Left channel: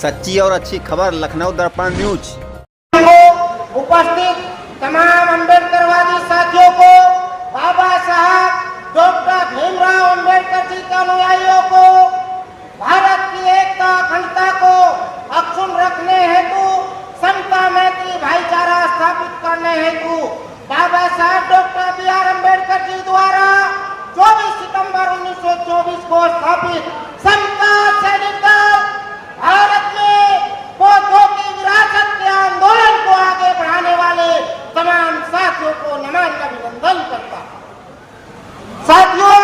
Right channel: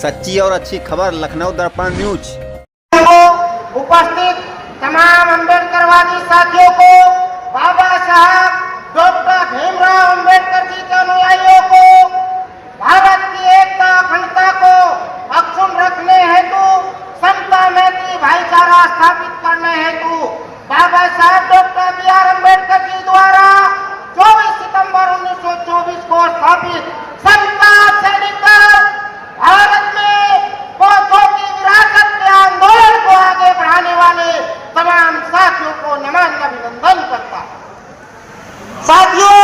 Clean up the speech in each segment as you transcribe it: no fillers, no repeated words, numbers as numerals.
सच्ची और अच्छी खबर लखनऊ दर्पण न्यूज। उपस्थित तमाम अम्बेडकरवादी साथियों को, बाबा साहब डॉक्टर भीमराव अम्बेडकर जी के अनुयायियों को भारत की एकता अखंडता को अक्षुण्ण रखने हेतु, समता मैत्री भाईचारा स्थापित करने हेतु बाबा साहब डॉक्टर बी.आर. अम्बेडकर जी द्वारा 24 सितंबर 1924 को स्थापित समता सैनिक दल भारत में बौद्धों की विरासत के आंदोलन को आगे बढ़ाने वाले तमाम साथियों को नमन अभिनंदन करता है। साथियों,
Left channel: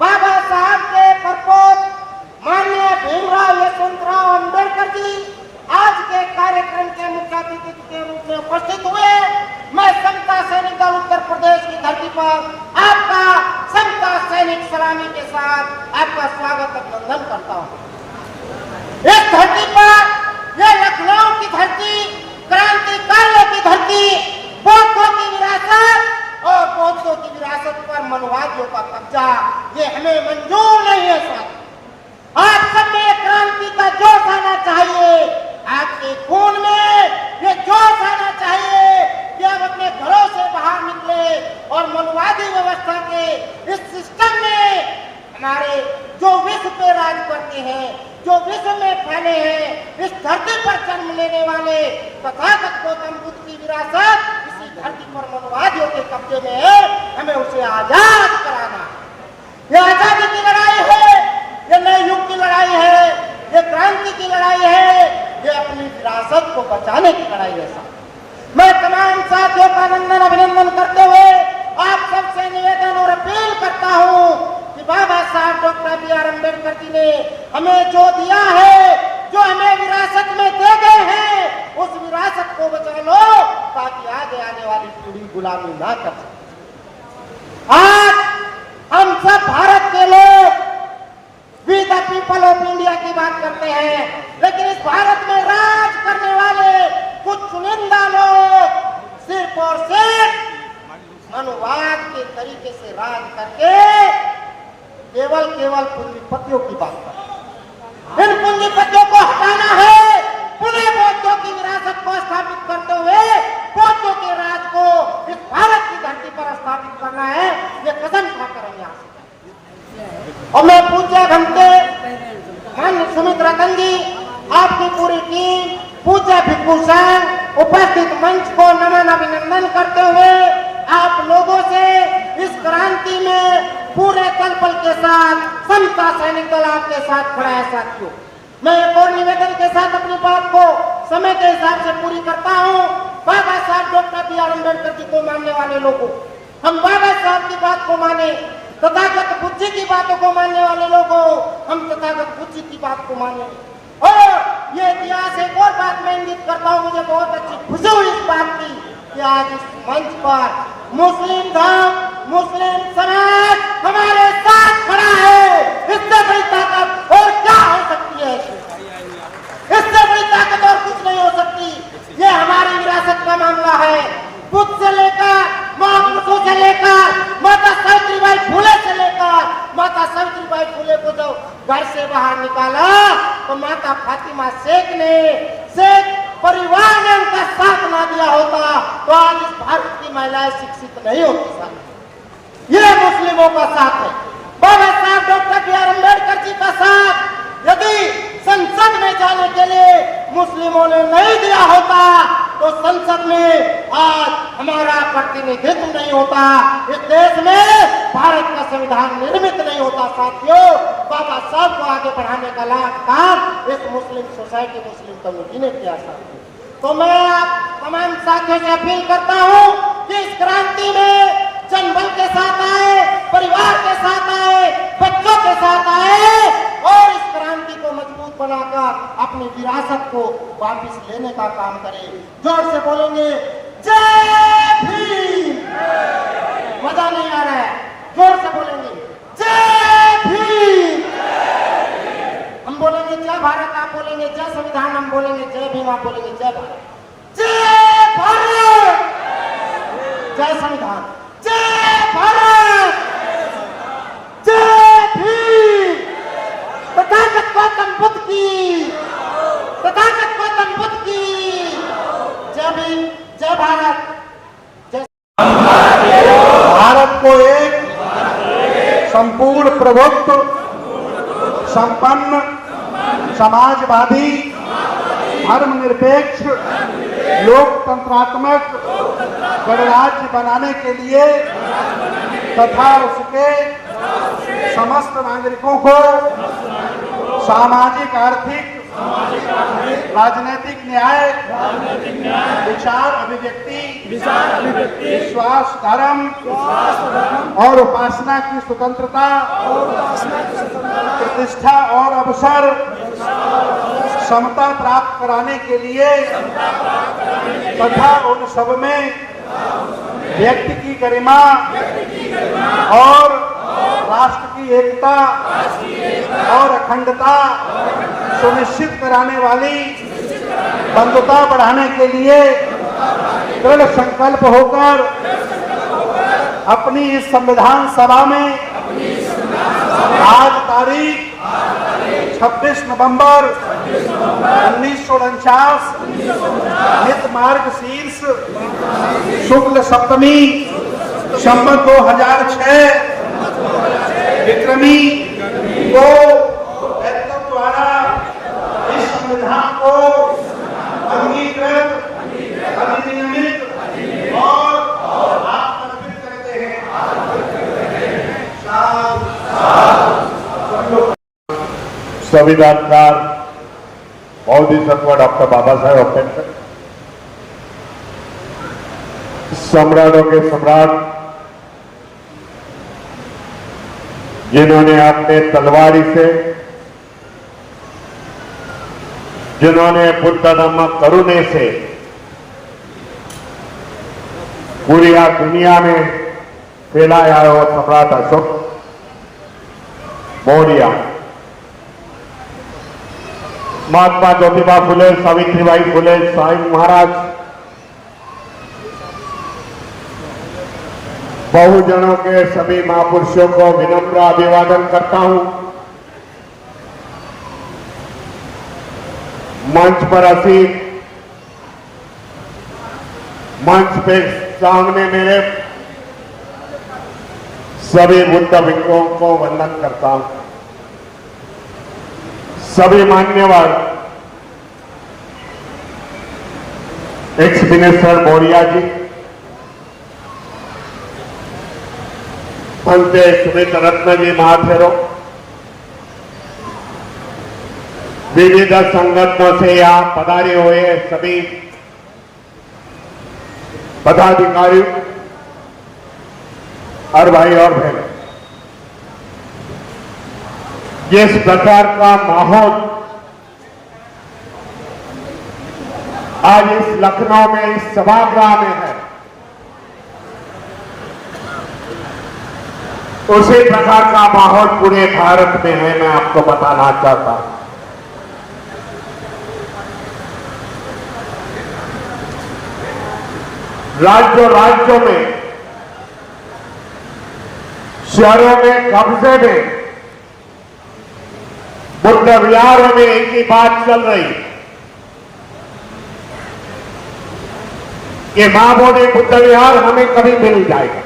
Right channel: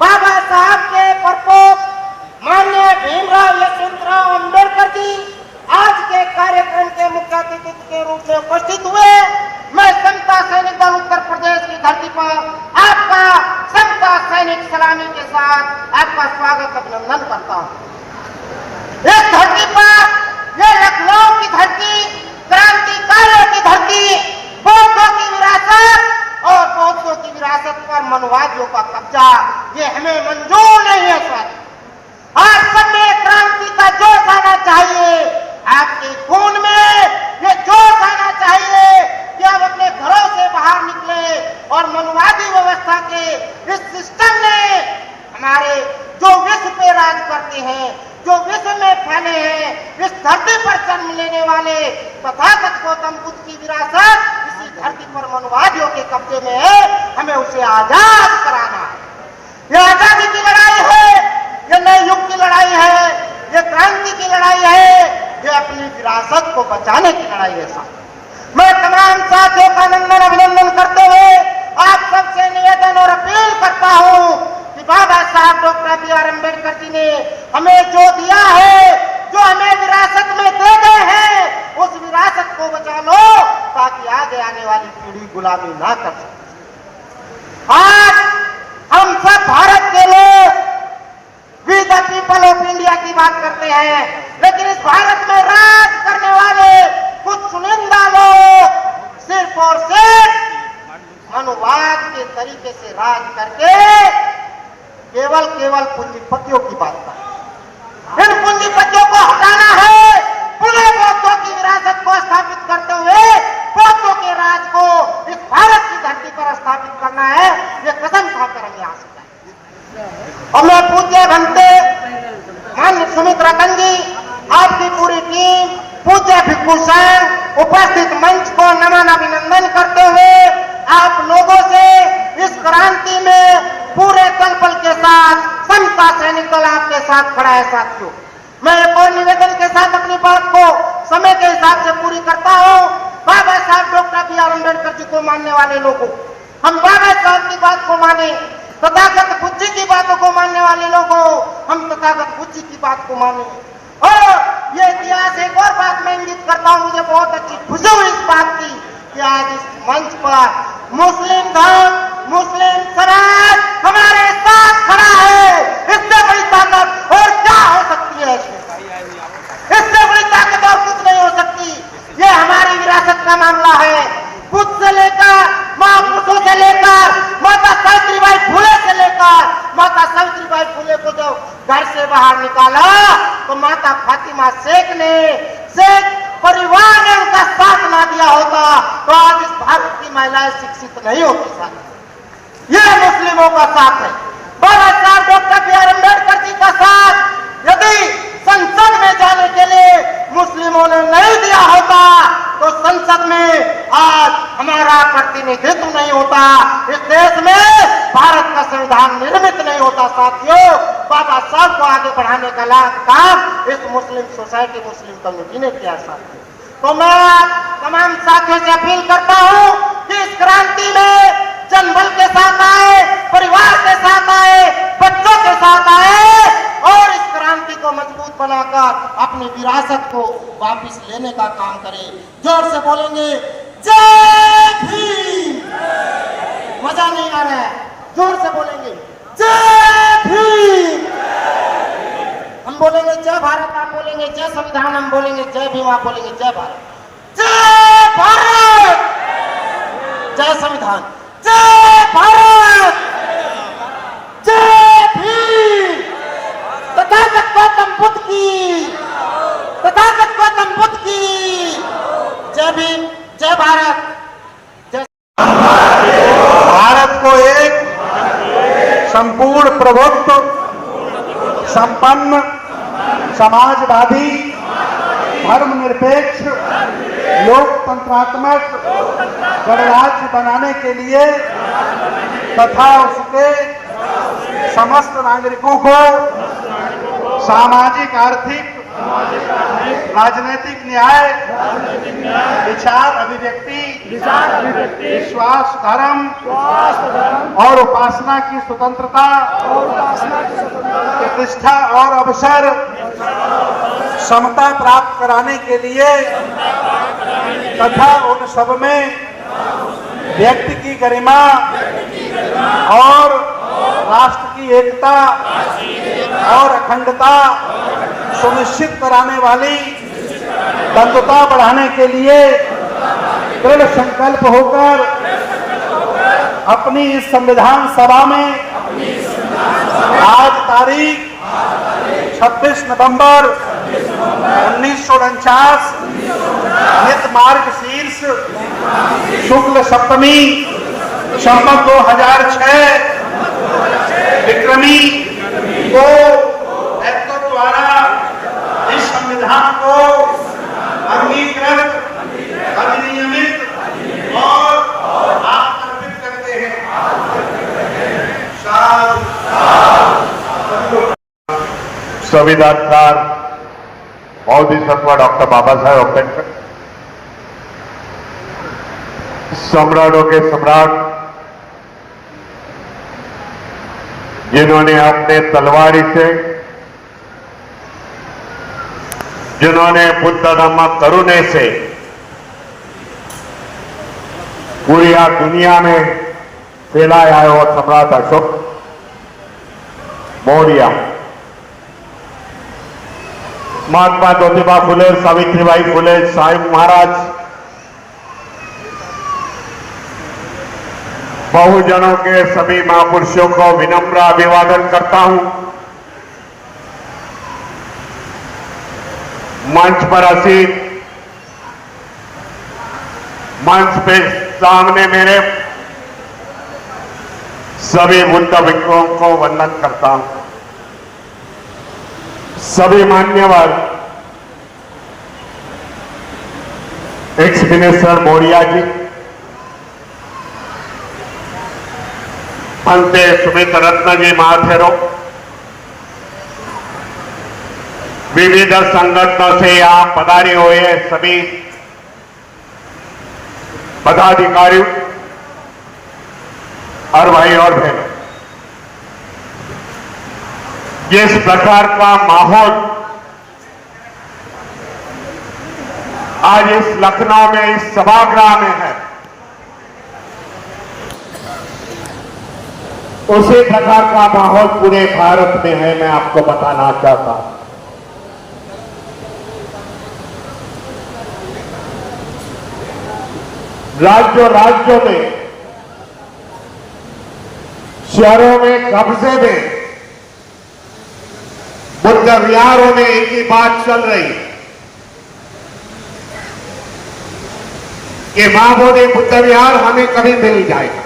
बाबा साहब के प्रपोत माननीय भीमराव यशवंतराव अम्बेडकर जी आज के कार्यक्रम के मुख्य अतिथि के रूप में उपस्थित हुए। मैं समता सैनिक दल उत्तर प्रदेश की धरती पर आपका समता सैनिक सलामी के साथ आपका स्वागत अभिनंदन करता हूँ। इस धरती पर, ये लखनऊ की धरती, क्रांतिकारियों की धरती, बौद्धों की विरासत और बौद्धों की विरासत पर मनवादियों का कब्जा, ये हमें मंजूर नहीं है सर। आप सब में क्रांति का जोश आना चाहिए, आपके खून में ये जोश आना चाहिए कि आप अपने घरों से बाहर निकले और मनवादी व्यवस्था के इस सिस्टम ने हमारे जो विश्व पे राज करते हैं, जो विश्व में फैले हैं, इस धरती पर जन्म लेने वाले तथागत गौतम बुद्ध की विरासत इसी धरती पर मनवादियों के कब्जे में है। हमें उसे आजाद कराना है। ये आजादी की लड़ाई है, ये नए युग की लड़ाई है, ये क्रांति की लड़ाई है, ये अपनी विरासत को बचाने की लड़ाई है साहब। मैं तमाम साथियों का नंदन अभिनंदन करते हुए आप सबसे निवेदन और अपील करता हूँ कि बाबा साहब डॉक्टर बी.आर. अम्बेडकर जी ने हमें जो दिया है, जो हमें विरासत में दे गए हैं, उस विरासत को बचा लो ताकि आगे आने वाली पीढ़ी गुलामी ना कर सके। आज हम सब भारत के लोग we the people of India की बात करते हैं, लेकिन इस भारत में राज करने वाले कुछ चुनिंदा लोग सिर्फ और सिर्फ मनुवाद के तरीके से राज करके केवल पूंजीपतियों की बात करते हैं। इन पूंजीपतियों को हटाना है, पुनः बौद्धों की विरासत को स्थापित करते हुए बौद्धों के राज को इस भारत की धरती पर स्थापित करना है। ये कसम खाकर हम यहाँ से, और मैं पूज्य भंते माननीय सुमित रतन जी, आपकी पूरी टीम, पूज्य भिक्खु संघ, उपस्थित मंच को नमन अभिनंदन करते हुए आप लोगों से इस क्रांति में पूरे कलपल के साथ समता सैनिक दल आपके साथ खड़ा है। साथियों, मैं एक और निवेदन के साथ अपनी बात को समय के हिसाब से पूरी करता हूँ। बाबा साहब डॉक्टर बी.आर. अम्बेडकर जी को मानने वाले लोगों, हम बाबा साहब की बात को माने, तथागत बुद्ध जी की बातों को मानने वाले लोगों, हम तथागत बुद्ध जी की बात को माने। और ये इतिहास एक और बात मैं इंगित करता हूँ, मुझे बहुत अच्छी खुशी हुई इस बात की कि आज इस मंच पर मुस्लिम धर्म, मुस्लिम समाज हमारे साथ खड़ा है। इससे बड़ी ताकत और क्या हो सकती है? इससे बड़ी ताकत और कुछ नहीं हो सकती। ये हमारी विरासत का मामला है। बुद्ध से लेकर महापुरुषों से लेकर माता सावित्रीबाई फुले से लेकर माता सावित्रीबाई फुले को जब घर से बाहर निकाला तो माता फातिमा शेख ने, शेख परिवार ने उनका साथ ना दिया होता तो आज इस भारत की महिलाएं शिक्षित नहीं होती। साथ ये मुस्लिमों का साथ है। बाबा साहब डॉक्टर बी.आर. अम्बेडकर जी का साथ यदि संसद में जाने के लिए मुस्लिमों ने नहीं दिया होता तो संसद में आज हमारा प्रतिनिधित्व नहीं होता, इस देश में भारत का संविधान निर्मित नहीं होता। साथियों, बाबा साहब को आगे बढ़ाने का काम इस मुस्लिम सोसाइटी, मुस्लिम कम्युनिटी ने किया। साथियों, तो मैं तमाम साथियों से अपील करता हूँ कि इस क्रांति में जनबल के साथ आए, परिवार के साथ आए, बच्चों के साथ आए और इस क्रांति को मजबूत बनाकर अपनी विरासत को वापस लेने का काम करें। जोर से बोलेंगे जय भीम। मजा नहीं आ रहा है, जोर से बोलेंगे जय भीम। हम बोलेंगे जय भारत, आप बोलेंगे जय संविधान, हम बोलेंगे जय भीम, आप बोलेंगे जय भारत। जय भारत, जय संविधान, जय भारत, जय भीम। तथागत गौतम बुद्ध की तथागत गौतम बुद्ध की जय भीम, जय भारत, जय भारत को एक संपूर्ण प्रभुत्व संपन्न समाजवादी धर्मनिरपेक्ष लोकतंत्रात्मक गणराज्य बनाने के लिए तथा उसके समस्त नागरिकों को सामाजिक आर्थिक राजनीतिक न्याय विचार अभिव्यक्ति विश्वास धर्म और उपासना की स्वतंत्रता प्रतिष्ठा और अवसर समता प्राप्त कराने के लिए तथा उन सब में व्यक्ति की गरिमा और राष्ट्र की एकता और अखंडता सुनिश्चित कराने वाली बंधुता बढ़ाने के लिए दृढ़ संकल्प होकर अपनी इस संविधान सभा में आज तारीख 26 नवंबर 1949 नित मार्ग शीर्ष शुक्ल सप्तमी संवत 2006 विक्रमी को ऐक्ट द्वारा इस संविधान को अंगीकृत अधिनियमित और आत्मनिर्भर करते हैं। संविधानकार बोधिसत्व डॉक्टर बाबा साहेब अम्बेडकर, सम्राटों के सम्राट जिन्होंने अपने तलवारी से, जिन्होंने बुद्ध धम्म करुणे से पूरी दुनिया में फैलाया है वो सम्राट अशोक मौर्य, महात्मा ज्योतिबा फुले, सावित्रीबाई फुले, साईं महाराज, बहुजनों के सभी महापुरुषों को विनम्र अभिवादन करता हूं। मंच पर असीत, मंच पे सामने मेरे सभी बुद्ध भिक्षुओं को वंदन करता हूं। सभी मान्यवर एक्स मिनिस्टर मौर्य जी, पंते सुमित रत्न जी महाथेरो, विविध संगठनों से यहां पधारे हुए सभी पदाधिकारियों और भाई और बहन, जिस प्रकार का माहौल आज इस लखनऊ में इस सभागृह में है, उसी प्रकार का माहौल पूरे भारत में है। मैं आपको बताना चाहता हूं, राज्यों में, शहरों में, कब्जे में, बुद्ध विहारों में एक ही बात चल रही कि महाबोधि बुद्ध विहार हमें कभी मिल जाएगा।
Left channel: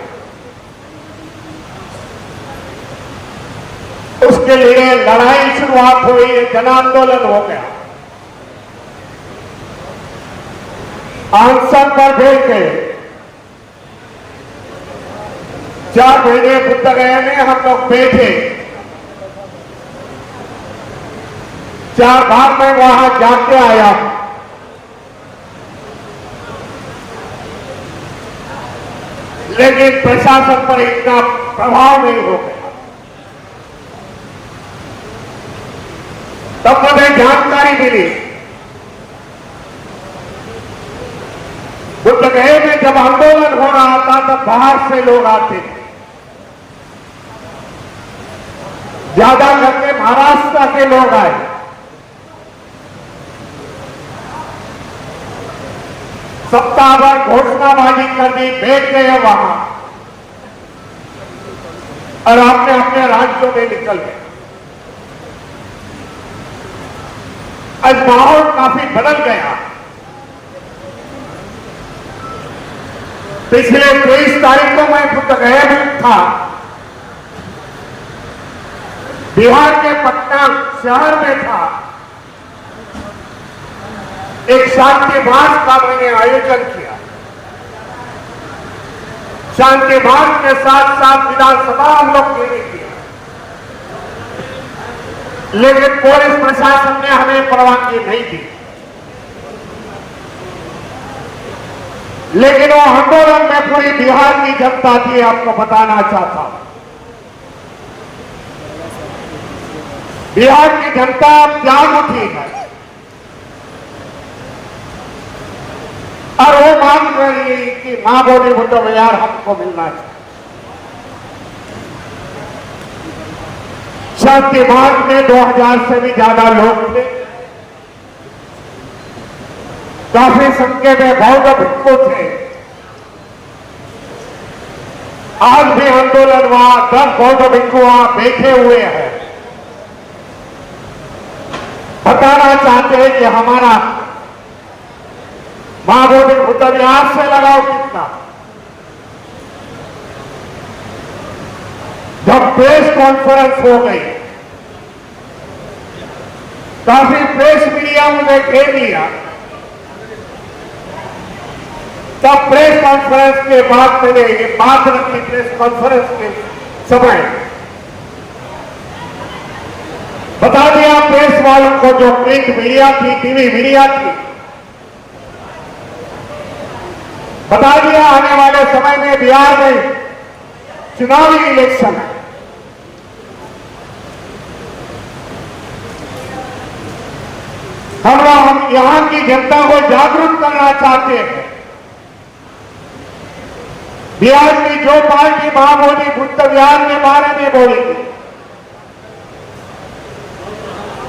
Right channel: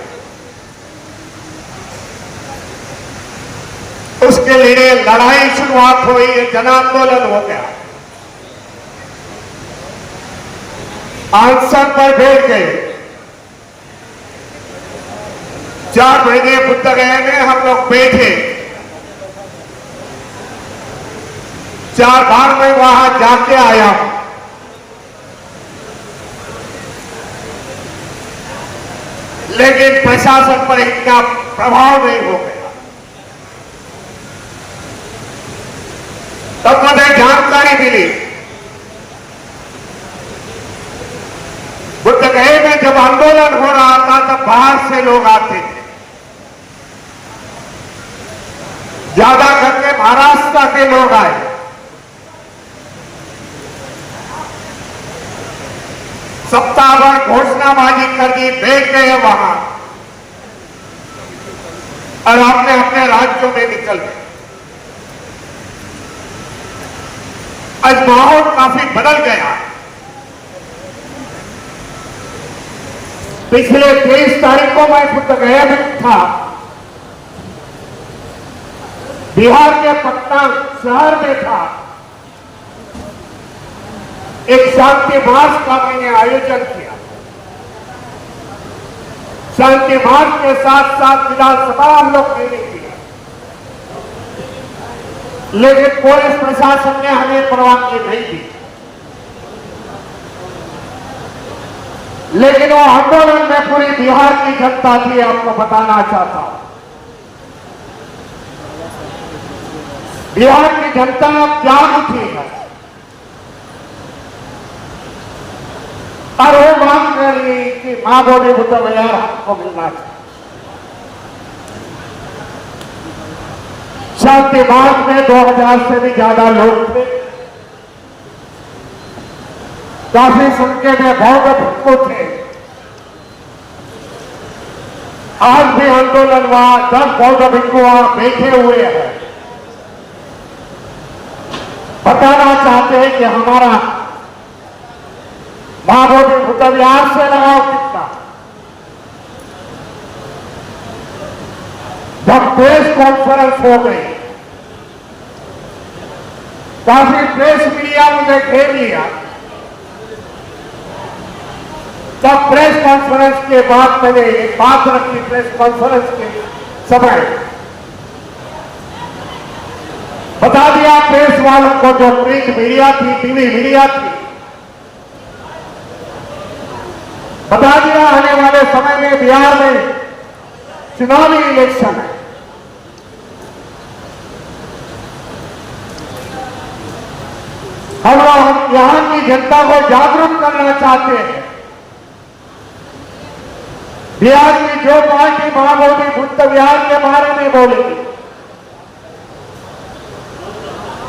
उसके लिए लड़ाई शुरुआत हुई, जन आंदोलन हो गया, अनशन पर बैठ गए। 4 महीने बुद्ध गए में हम लोग बैठे, 4 बार मैं वहां जाके आया। लेकिन प्रशासन पर इतना प्रभाव नहीं हो गया। तब मुझे जानकारी मिली, बुद्ध गए में जब आंदोलन हो रहा था तब बाहर से लोग आते थे, ज्यादा करके महाराष्ट्र के लोग आए। सप्ताह भर घोषणाबाजी कर दी, बैठ गए वहां और अपने अपने राज्यों में निकल गए। आज माहौल काफी बदल गया। पिछले 23 तारीख को मैं खुद गया भी था। बिहार के पटना शहर में था। एक शांति मार्च का मैंने आयोजन किया। शांति मार्च के साथ साथ विधानसभा हम लोग के लिए किया, लेकिन पुलिस प्रशासन ने हमें परवानगी नहीं दी। लेकिन वो आंदोलन में पूरी बिहार की जनता थी, आपको बताना चाहता हूं। बिहार की जनता जाग उठी है और वो मांग रही कि मां बोली बुद्ध विहार हमको मिलना चाहिए। शांति मार्च में 2000 से भी ज्यादा लोग थे। काफी संख्या में बौद्ध भिक्षु थे। आज भी आंदोलन वहां 10 बौद्ध भिक्षु वहां बैठे हुए हैं। बताना चाहते हैं कि हमारा मां बोली बुद्ध विहार से लगाव कितना। जब प्रेस कॉन्फ्रेंस हो गई, काफी प्रेस मीडिया मुझे घेर लिया। तब प्रेस कॉन्फ्रेंस के बाद मैंने एक बात रखी। प्रेस कॉन्फ्रेंस के समय बता दिया प्रेस वालों को, जो प्रिंट मीडिया थी, टीवी मीडिया थी, बता दिया आने वाले समय में बिहार में चुनावी इलेक्शन है। हम यहां की जनता को जागरूक करना चाहते हैं। बिहार की जो पार्टी मां बोली बुद्ध विहार के बारे में बोलेगी,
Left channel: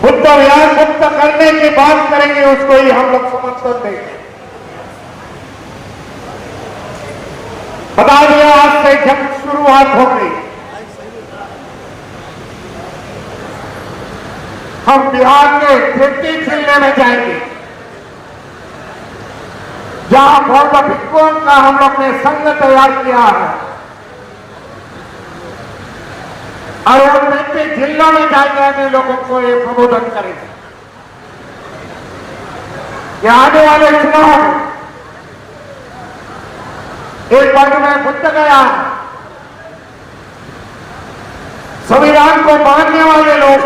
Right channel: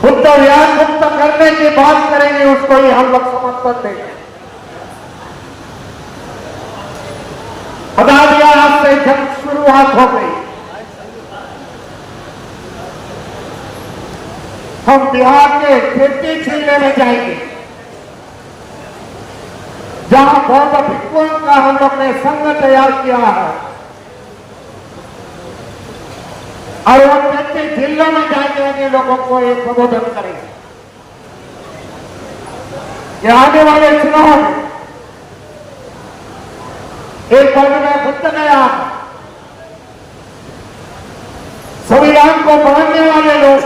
बुद्ध विहार मुक्त करने की बात करेंगे, उसको ही हम लोग समर्थन देंगे। बता दिया आज से जंग शुरुआत हो गई। हम बिहार के 33 जिले में जाएंगे, जहां बौद्ध भिक्षुओं का हम लोग ने संघ तैयार किया है। और हम 33 जिलों में जाएंगे, अन्य लोगों को ये प्रबोधन करेंगे कि आने वाले चुनाव में एक वर्ग में बुद्ध गया, संविधान को मानने वाले लोग,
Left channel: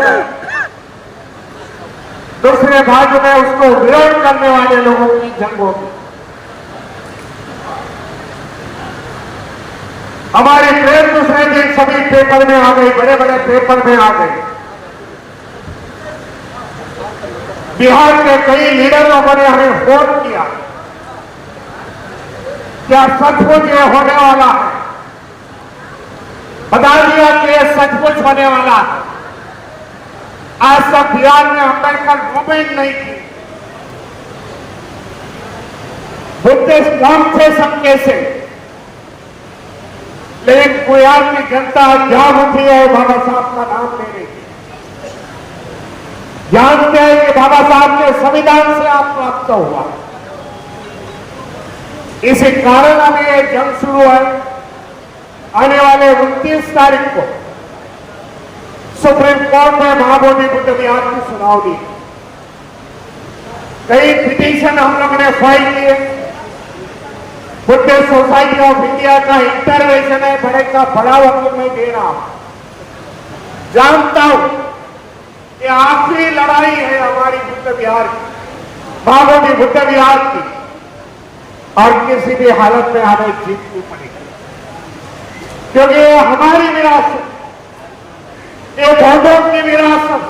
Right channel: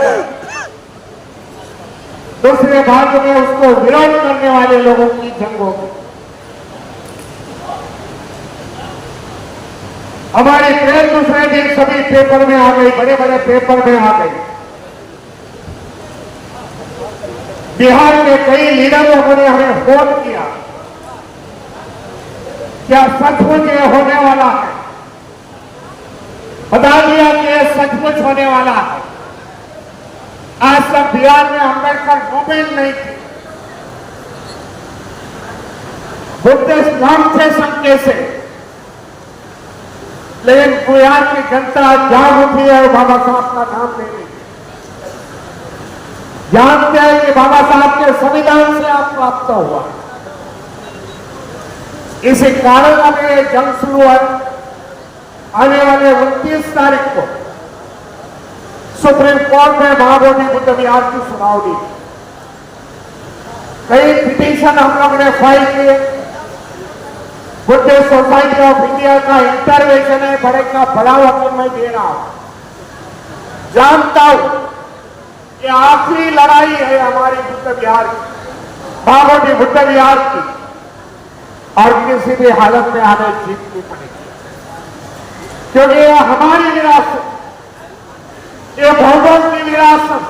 दूसरे भाग में उसको विरोध करने वाले लोगों की जंग होगी। हमारी ट्रेन दूसरे दिन सभी पेपर में आ गई, बड़े बड़े पेपर में आ गई। बिहार के कई लीडरों ने हमें फोन किया, क्या सचमुच ये होने वाला है? बता दिया कि ये सचमुच होने वाला है। आज तक बिहार में अम्बेडकर मूवमेंट नहीं थी, बुद्धिस्ट नाम थे सबके से, लेकिन बिहार की जनता जाग उठी है बाबा साहब का नाम लेने की। जानते हैं कि बाबा साहब के संविधान से आप प्राप्त हुआ। इसी कारण अभी ये जंग शुरू है। आने वाले 29 तारीख को सुप्रीम कोर्ट में मां बोली बुद्ध विहार की सुनवाई। कई पिटीशन हम लोग ने फाइल किए। बुद्ध सोसाइटी ऑफ इंडिया का इंटरवेंशन है, बड़े का बड़ा वक्त मैं दे रहा हूं। जानता हूं कि आखिरी लड़ाई है हमारी बुद्ध विहार की, मां बोली बुद्ध विहार की, और किसी भी हालत में हमें जीतनी पड़ेगी, क्योंकि ये हमारी विरासत, ये बौद्धों की विरासत,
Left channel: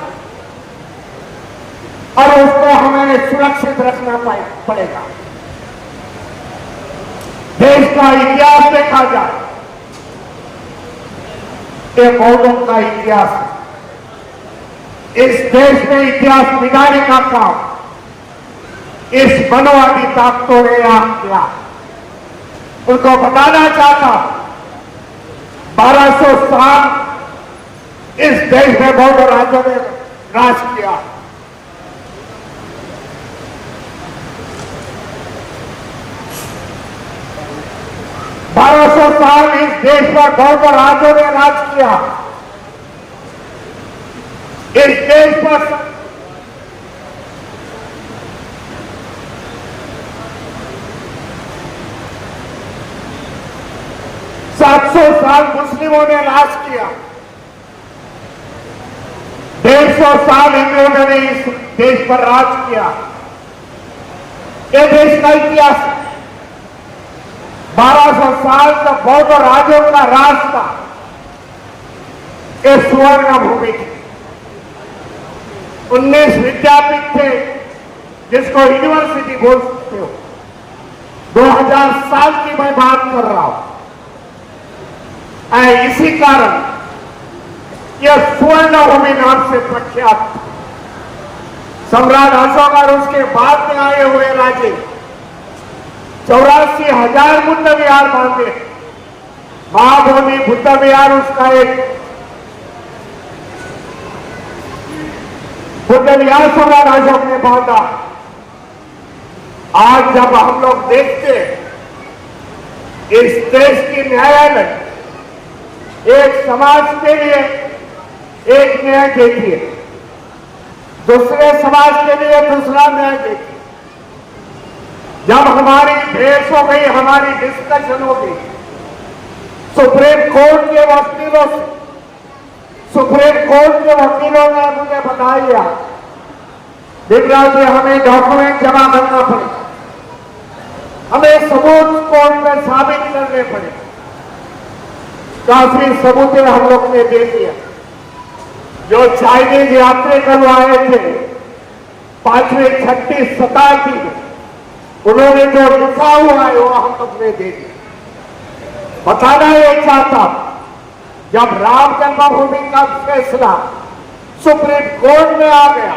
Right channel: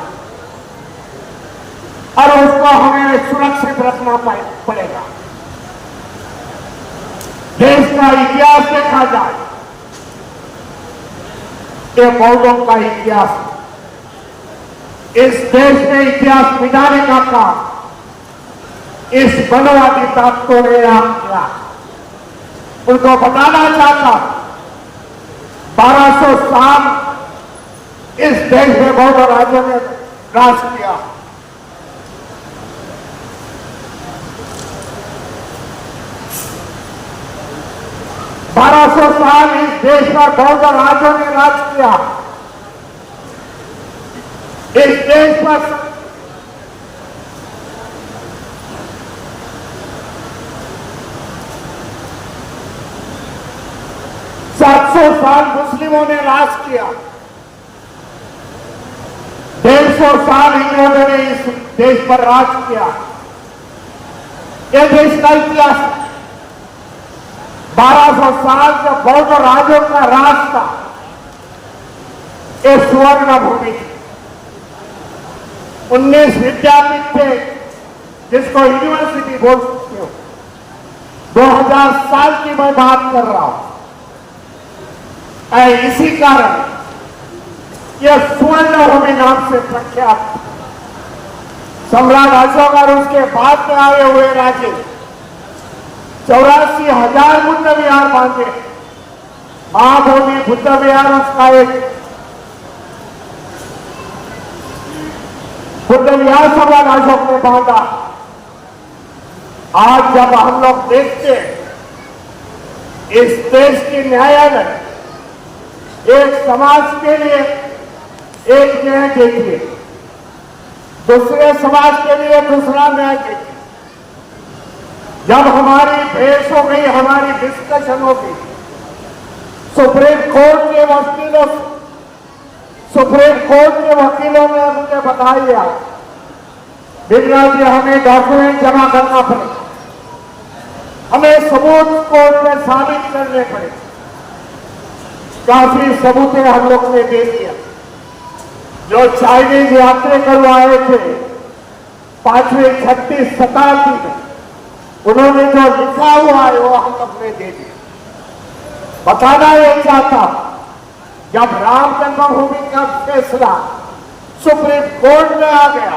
और उसको हमें सुरक्षित रखना पड़ेगा। देश का इतिहास देखा जाए, ये बौद्धों का इतिहास, इस देश में इतिहास मिटाने का काम इस बनवादी ताकतों ने आप किया। उनको बताना चाहता, 1200 साल इस देश में बौद्ध राज्य में राज किया। 1200 साल इस देश में बौद्ध राजों ने राज किया। इस देश पर 700 साल मुस्लिमों ने राज किया। 150 साल इंग्लैंडों ने इस देश पर राज किया। यह देश का इतिहास है। 1200 साल का बौद्ध राजों का राज था। यह स्वर्ण भूमि थी। 19 विद्यापीठ थे, जिसको यूनिवर्सिटी बोल सकते हो। 2000 साल की मैं बात कर रहा हूं। इसी कारण यह स्वर्ण भूमि नाम से प्रख्यात था। सम्राट अशोक और उसके बाद में आए हुए राजे 84,000 बुद्ध विहार बांधे। महाभूमि बुद्ध विहार उसका एक बुद्ध विहार सम्राट अशोक ने बांधा। आज जब हम लोग देखते इस देश की न्यायालय एक समाज के लिए एक न्याय देती है, दूसरे समाज के लिए दूसरा न्याय देती है। जब हमारी बहस हो गई, हमारी डिस्कशन हो गई सुप्रीम कोर्ट के वकीलों से, सुप्रीम कोर्ट के वकीलों ने मुझे बताया बिगड़ाल जी हमें डॉक्यूमेंट जमा करना पड़ेगा, हमें सबूत कोर्ट में साबित करने पड़ेगा। काफी सबूतें हम लोग ने दे दिया। जो चाइनीज यात्री कल आए थे 5वीं 36 शताब्दी में, उन्होंने जो लिखा हुआ है वो हम लोग ने दे दिया। बताना ये चाहता, जब राम जन्मभूमि का फैसला सुप्रीम कोर्ट में आ गया,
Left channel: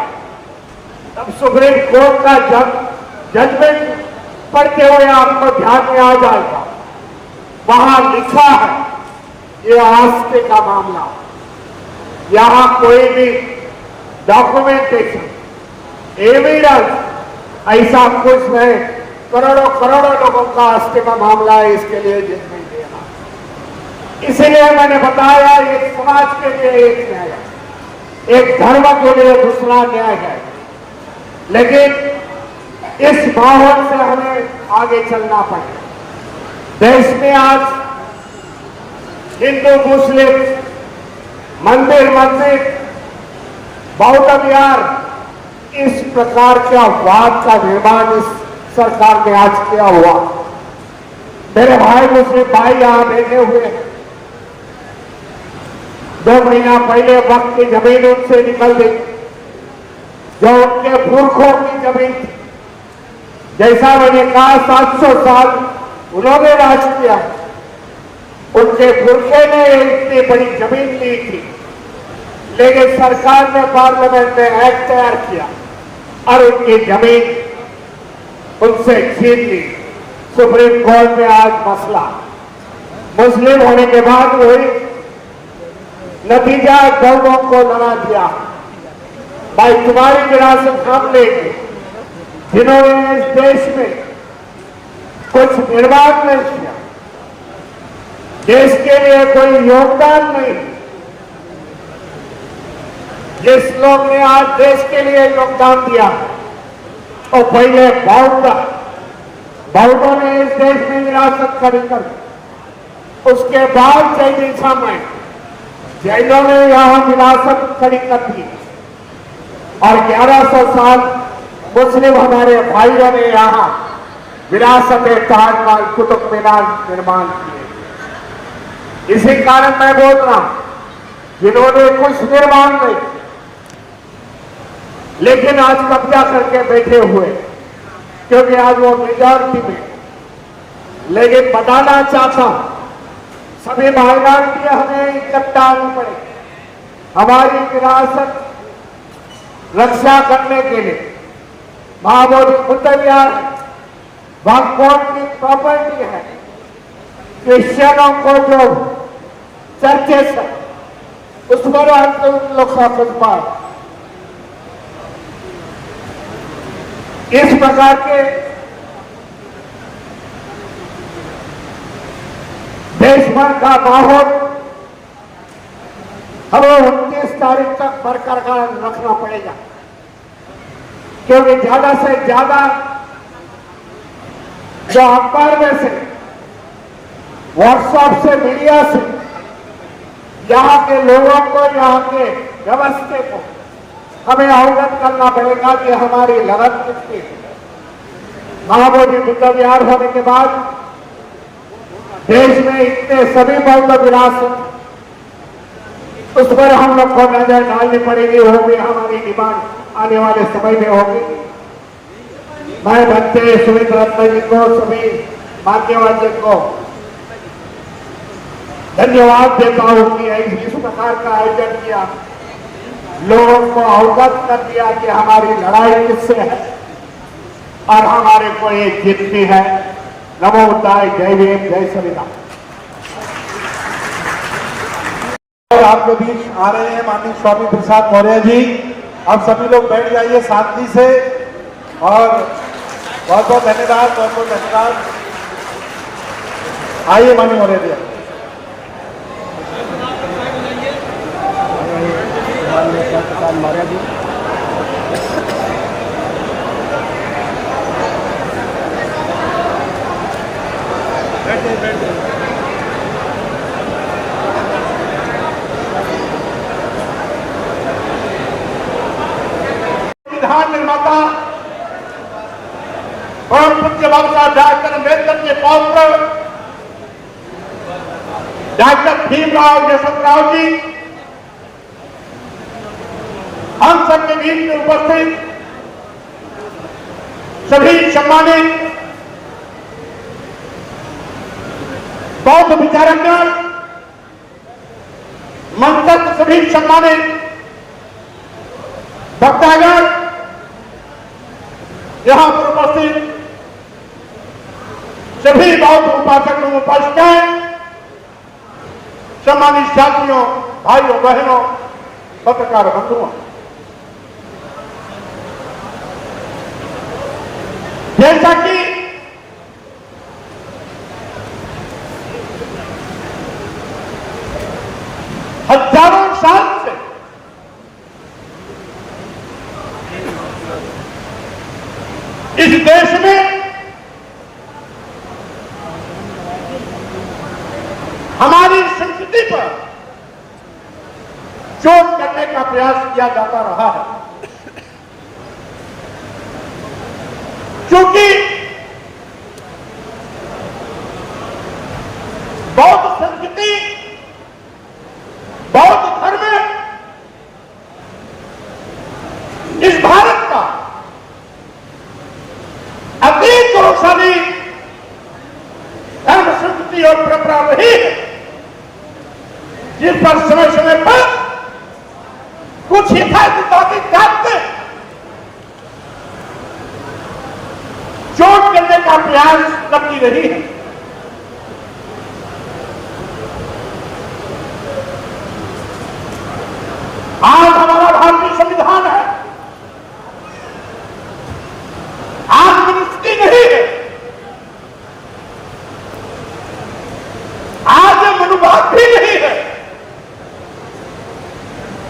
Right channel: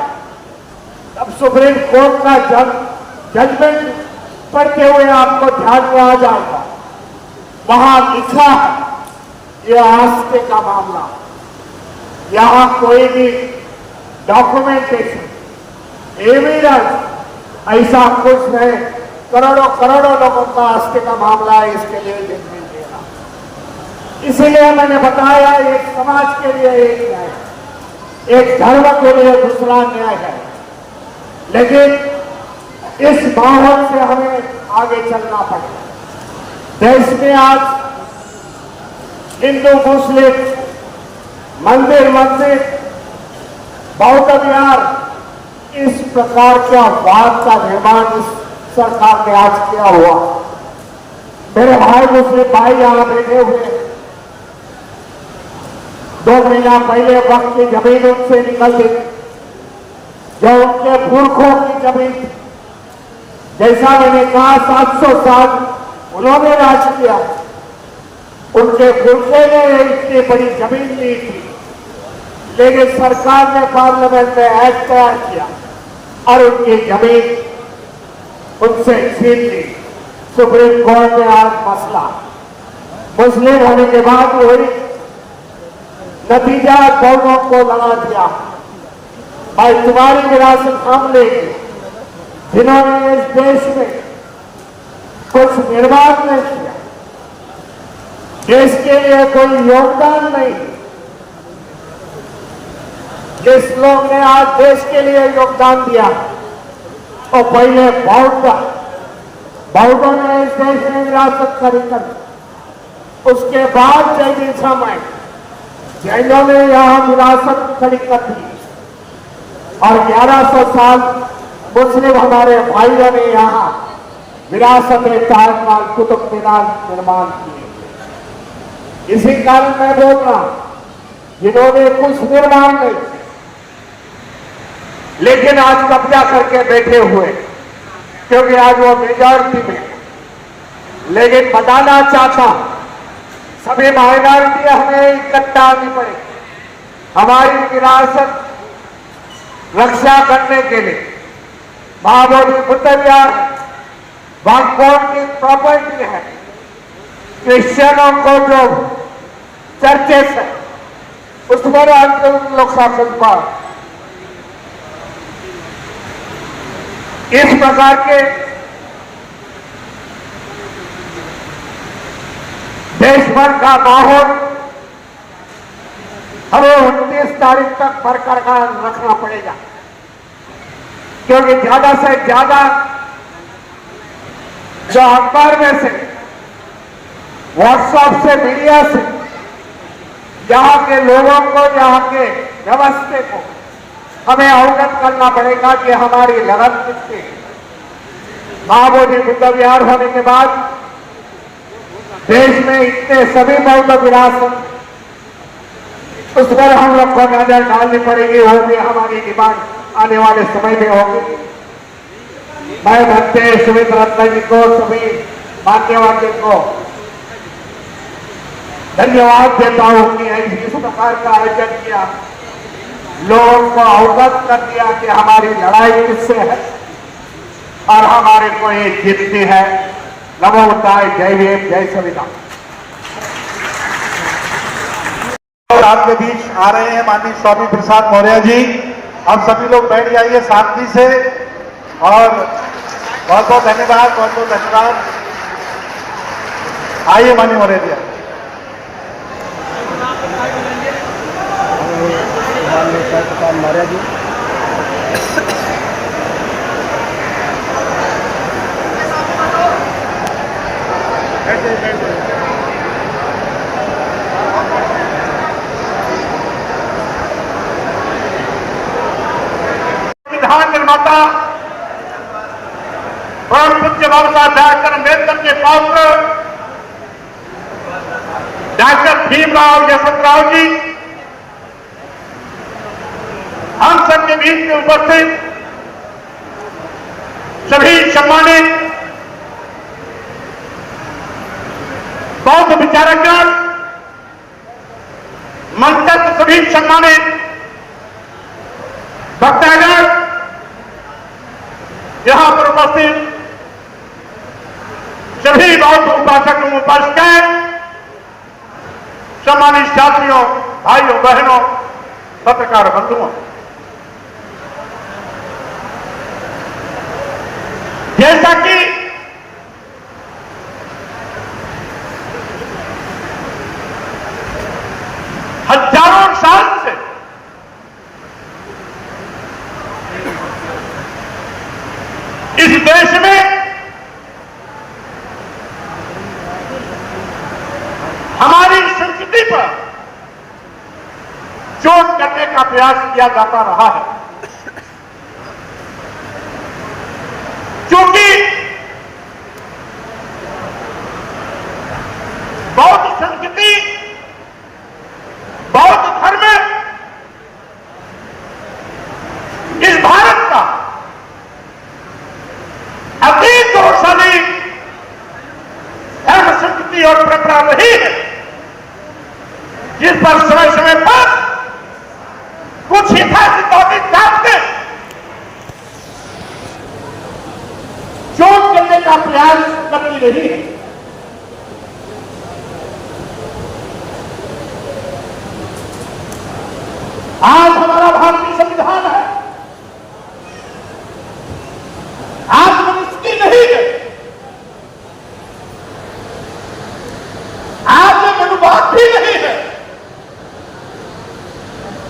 तब सुप्रीम कोर्ट का जजमेंट पढ़ते हुए आपको ध्यान में आ जाएगा। वहां लिखा है ये आस्थे का मामला, यहां कोई भी डॉक्यूमेंटेशन, एविडेंस ऐसा कुछ नहीं। करोड़ों करोड़ों लोगों का आस्थे का मामला है, इसके लिए जजमेंट देना। इसलिए मैंने बताया एक समाज के लिए एक न्याय, एक धर्म के लिए दूसरा न्याय है। लेकिन इस माहौल से हमें आगे चलना पड़ेगा। देश में आज हिंदू मुस्लिम मंदिर मस्जिद बौद्ध विहार इस प्रकार का वाद का निर्माण इस सरकार ने आज किया हुआ। मेरे भाई मुस्लिम भाई यहां बैठे हुए 2 महीना पहले वक्त की जमीन उनसे निकल गई, जो उनके पुरखों की जमीन थी। जैसा मैंने कहा 700 साल उन्होंने राज किया, उनके पुरखे ने इतनी बड़ी जमीन ली थी, लेकिन सरकार ने पार्लियामेंट में एक्ट तैयार किया और उनकी जमीन उनसे छीन ली। सुप्रीम कोर्ट में आज मसला मुस्लिम होने के बाद हुई, नतीजा बौद्धों को लगा दिया, भाई तुम्हारी विरासत हम लेंगे। जिन्होंने इस देश में कुछ निर्माण नहीं किया, देश के लिए कोई योगदान नहीं, जिस लोग ने आज देश के लिए योगदान दिया तो पहले बौद्धों ने इस देश में विरासत खड़ी कर, उसके बाद जैनिज्म में जैनों ने यहां विरासत खड़ी कर दी और 1100 साल मुस्लिम हमारे भाइयों ने यहां विरासत ताजमहल कुतुब मीनार निर्माण किए। इसी कारण मैं बोल रहा हूं, जिन्होंने कुछ निर्माण नहीं लेकिन आज कब्जा करके बैठे हुए, क्योंकि आज वो मेजॉरिटी में, लेकिन बताना चाहता हूं सभी माइनॉरिटी हमें इकट्ठा आनी पड़ेगी हमारी विरासत रक्षा करने के लिए। महाबोधि बुद्ध विहार भगवान की प्रॉपर्टी है। क्रिश्चियनों को जो चर्चेस है उसमें लोग शासन इस प्रकार के देश भर का माहौल हमें 29 तारीख तक बरकरार रखना पड़ेगा, क्योंकि ज्यादा से ज्यादा जो अखबार में से, व्हाट्सएप से, मीडिया से यहाँ के लोगों को, यहाँ के व्यवस्था को हमें अवगत करना पड़ेगा कि हमारी लगन कितनी है। महाबोधि बुद्ध विहार होने के बाद देश में इतने सभी बौद्ध विरासत, उस पर हम लोग को नजर डालनी पड़ेगी, वो भी हमारी डिमांड आने वाले समय में होगी। मैं भक्ते सुमित रत्न जी को, सभी भाग्यवान को धन्यवाद देता हूं कि इस प्रकार का आयोजन किया, लोगों को अवगत कर दिया कि हमारी लड़ाई किससे है और हमारे को ये जीतनी है। नमो बुद्धाय, जय भीम, जय संविधान। और आपके बीच आ रहे हैं माननीय स्वामी प्रसाद मौर्य जी। आप सभी लोग बैठ जाइए शांति से, और बहुत बहुत धन्यवाद, बहुत बहुत धन्यवाद। आइए माननीय मौर्य जी। प्रसाद मौर्य जी। संविधान निर्माता और पूज्य बाबा साहब अम्बेडकर के पौत्र डॉक्टर भीमराव यशवंतराव जी हम सबके बीच में उपस्थित सभी सम्मानित बौद्ध विचारकगण, मंच सभी सम्मानित वक्तागण, यहां पर उपस्थित सभी बौद्ध उपासक एवं उपासिकाएं, सम्मानित छात्रियों, भाइयों बहनों, पत्रकार बंधुओं, जैसा कि हजारों साल से इस देश में हमारी संस्कृति पर चोट करने का प्रयास किया जाता रहा है, क्योंकि बौद्ध संस्कृति, बौद्ध धर्म इस भारत का अति गौरवशाली धर्म, संस्कृति और परंपरा रही है, जिस पर समय समय पर कुछ हिफाजती ताकतें चोट करने का प्रयास करती रही है। आज हमारा भारतीय संविधान है, आज मनुष्य नहीं है, आज मनुवाद भी नहीं है,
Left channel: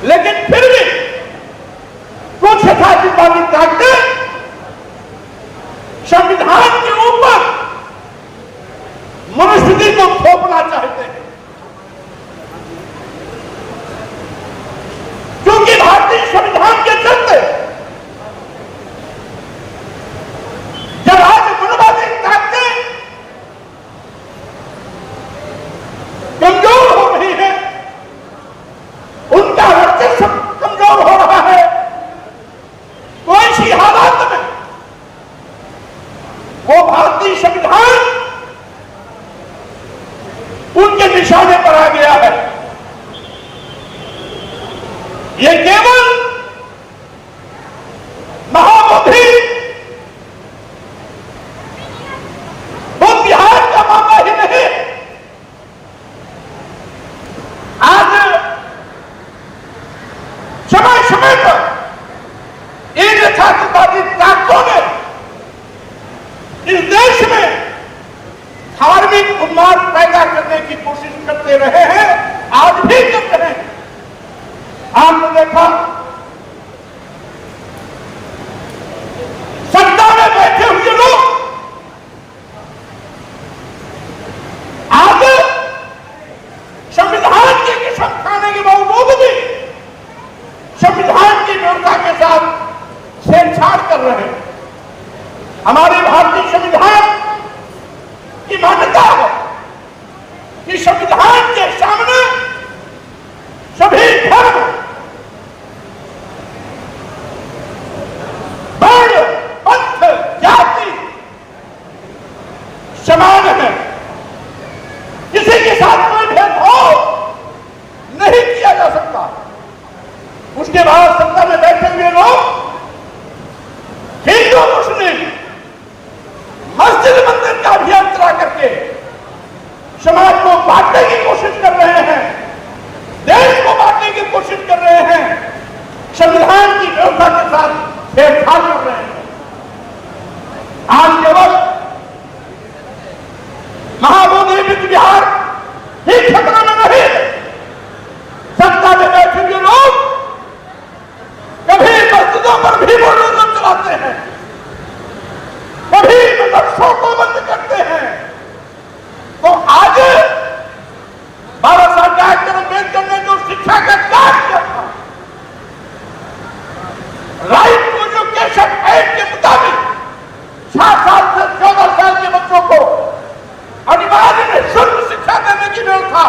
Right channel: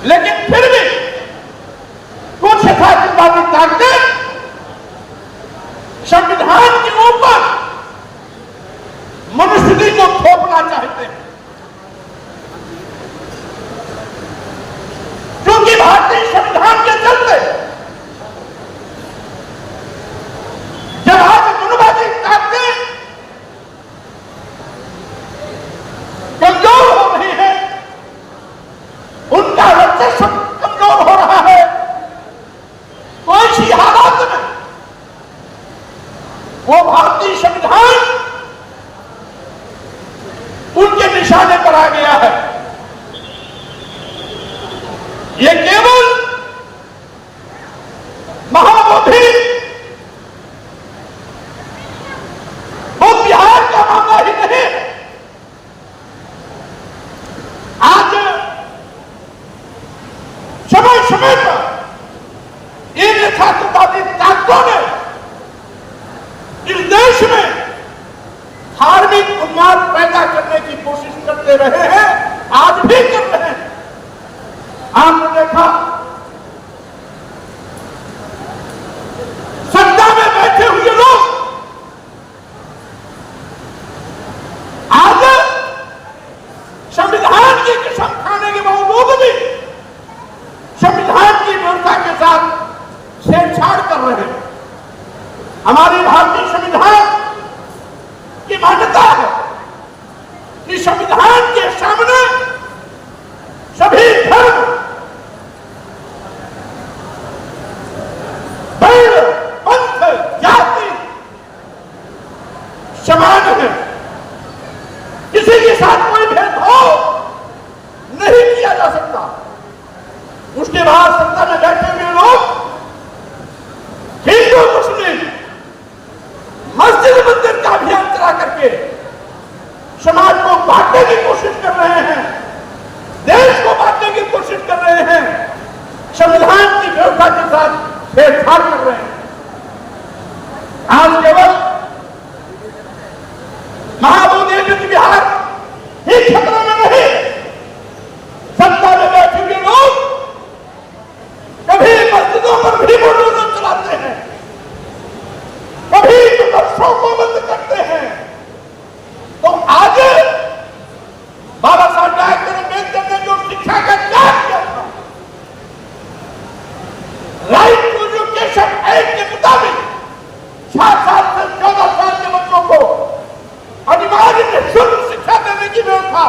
लेकिन फिर भी कुछ यथार्थवादी ताकतें संविधान के ऊपर मनुष्य को थोपना चाहते हैं, क्योंकि भारतीय संविधान के चलते जब आज मनुवादी ताकतें कमजोर हो रही है, उनका वर्चस्व कमजोर हो रहा है, तो ऐसी हालात में वो भारतीय संविधान उनके निशाने पर आ गया है। ये केवल महाबोधि बुद्ध विहार का मामला ही नहीं, आज समय समय पर इन यथार्थवादी ताकतों ने इस देश में धार्मिक उन्माद पैदा करने की हमारे भारतीय संविधान की मान्यता है कि संविधान के सामने सभी धर्म, वर्ण, पंथ, जाति समान है। किसी के साथ कोई भेदभाव नहीं किया जा सकता। उसके बाद सत्ता में बैठे हुए लोग हिंदू मुस्लिम मस्जिद मंदिर का अभियान चला करके समाज को बांटने की कोशिश कर रहे हैं, देश को बांटने की कोशिश कर रहे हैं, संविधान की व्यवस्था के साथ छेड़छाड़ कर रहे हैं। आज केवल महाबोधि विश्व विहार ही खतरे में नहीं, सत्ता में बैठे हुए लोग कभी मस्जिदों पर भी बुलडोजर चलाते हैं, कभी मदरसों को बंद करते हैं। तो आज बाबा साहब डॉक्टर अम्बेडकर ने जो शिक्षा का त्याग किया था, राइट टू एजुकेशन एक्ट के मुताबिक 6 साल से 14 साल के बच्चों को अनिवार्य निःशुल्क शिक्षा देने की व्यवस्था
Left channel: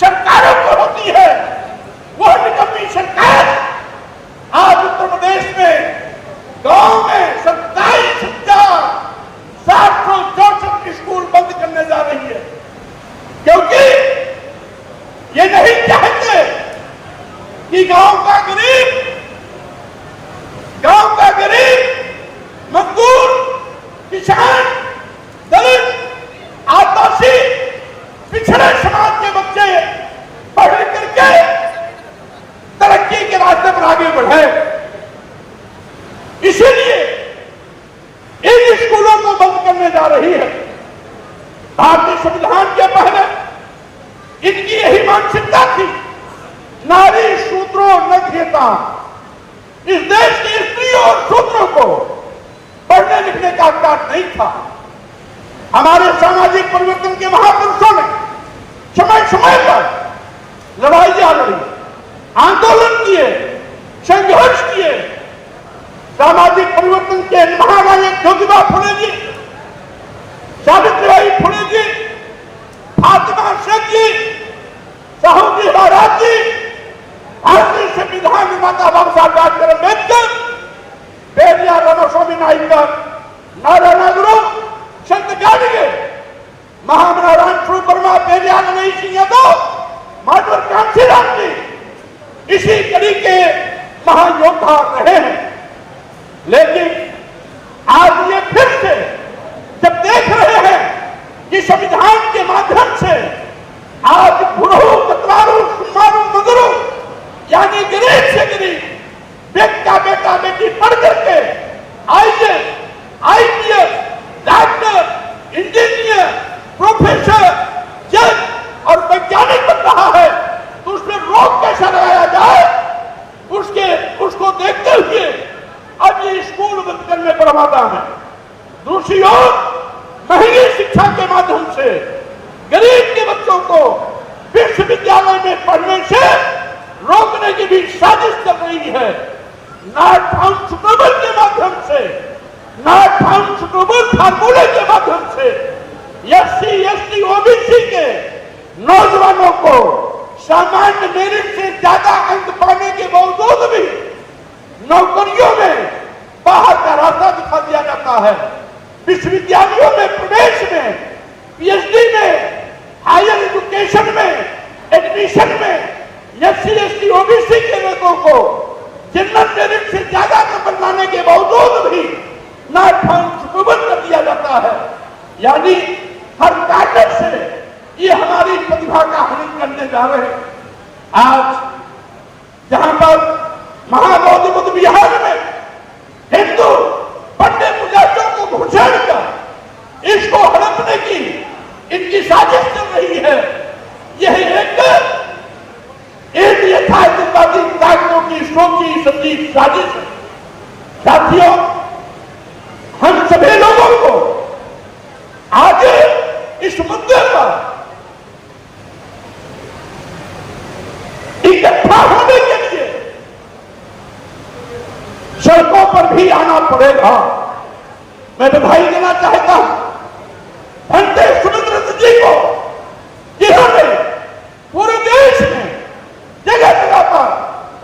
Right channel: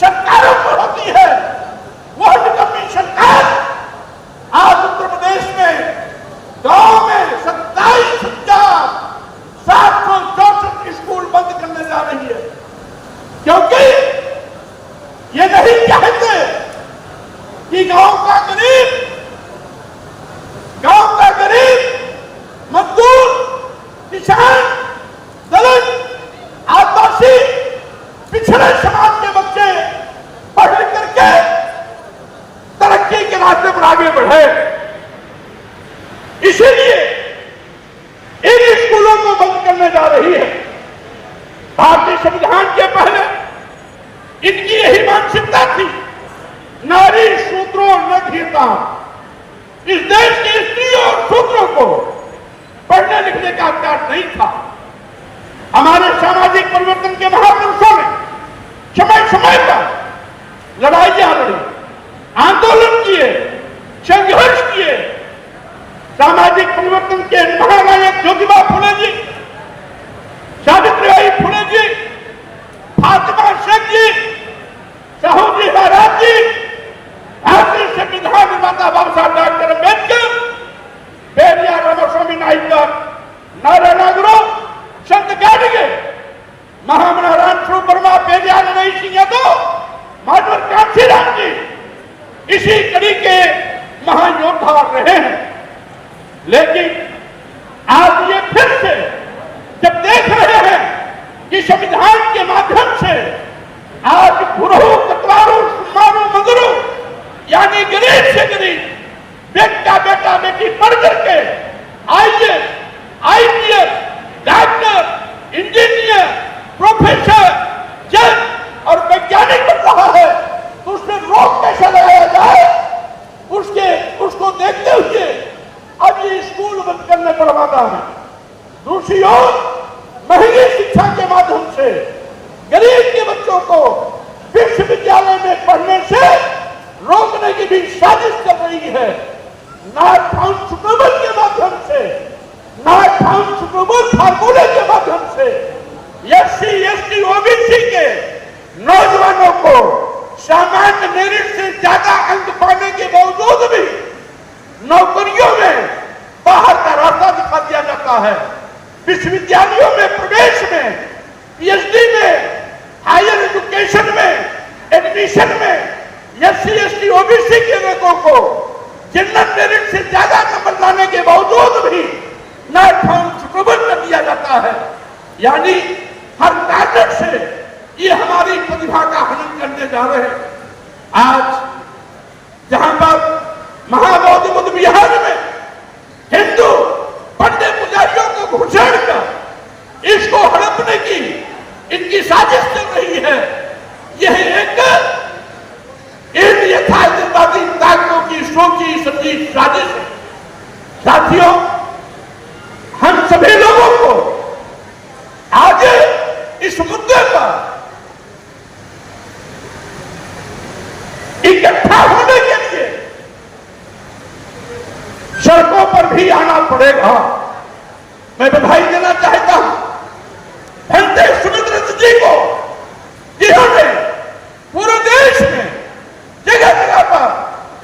सरकारों को होती है। वह निकम्मी सरकार आज उत्तर प्रदेश में गांव में 27,764 स्कूल बंद करने जा रही है, क्योंकि ये नहीं चाहते कि गांव का गरीब मजदूर, किसान, दलित, आदिवासी, पिछड़े समाज के बच्चे पढ़ लिख करके तरक्की के रास्ते पर आगे बढ़े। इसीलिए इन स्कूलों को बंद करने जा रही है। भारतीय संविधान के पहले इनकी यही मानसिकता थी, नारी शूद्रो न घेता। इस देश के स्त्रियों और शूद्रों को पढ़ने लिखने का अधिकार नहीं था। हमारे सामाजिक परिवर्तन के महापुरुषों ने समय समय पर लड़ाइयां लड़ी, आंदोलन किए, संघर्ष किए। सामाजिक परिवर्तन के महानायक ज्योतिबा फुले जी, सावित्रीबाई फुले जी, फातिमा शेख जी, साहू जी महाराज जी, भारतीय संविधान निर्माता बाबा साहब डॉक्टर अम्बेडकर, पेरियार रामास्वामी नायकर, नारायण गुरु, संत गाडगे, महामना स्वरूप वर्मा, पेरियार नरहरि सिंह यादव, माधवर कांशीराम जी इसी कड़ी के महायोद्धा रहे हैं। लेकिन आज ये फिर से जब देख रहे हैं कि संविधान के माध्यम से आज गुरु, कतवारू, सुमारू, मगरू यानी गरीब से गरीब बेटा बेटा बेटी पढ़ करके IAS, IPS, doctor, engineer, professor, जज और वैज्ञानिक बन रहा है, तो उसमें रोक कैसे लगाया जाए, उसको देखते हुए अब ये स्कूल बंद करने पर आमादा है। दूसरी ओर महंगी शिक्षा के माध्यम से गरीब के बच्चों को विश्वविद्यालय में पढ़ने से रोकने की भी साजिश चल रही है। नॉट फाउंड सुटेबल के माध्यम से, नॉट फाउंड सुटेबल फार्मूले के माध्यम से एससी, एसटी, ओबीसी के नौजवानों को सामान्य मेरिट से ज्यादा अंक पाने के बावजूद भी नौकरियों में बाहर का रास्ता दिखा दिया जाता है। विश्वविद्यालयों में प्रवेश में, पीएचडी में, हायर एजुकेशन में, एडमिशन में एससी, एसटी, ओबीसी के लोगों को जनरल मेरिट से ज्यादा नंबर लाने के बावजूद भी नॉट फाउंड सुटेबल कर दिया जाता है। यानी हर कारण से ये हमारी प्रतिभा का हनन करने जा रहे हैं। आज जहां पर महाबोधि बुद्ध विहार में हिंदू पंडित पुजारियों को घुसेड़ कर इसको हड़पने की इनकी साजिश चल रही है। यह एक यथार्थवादी ताकतों की सोची समझी साजिश है। साथियों, हम सभी लोगों को आज इस मुद्दे पर इकट्ठा होने के लिए सड़कों पर भी आना पड़ेगा। मैं बधाई देना चाहता हूं भंते सुमित्र जी को, जिन्होंने पूरे देश में जगह जगह पर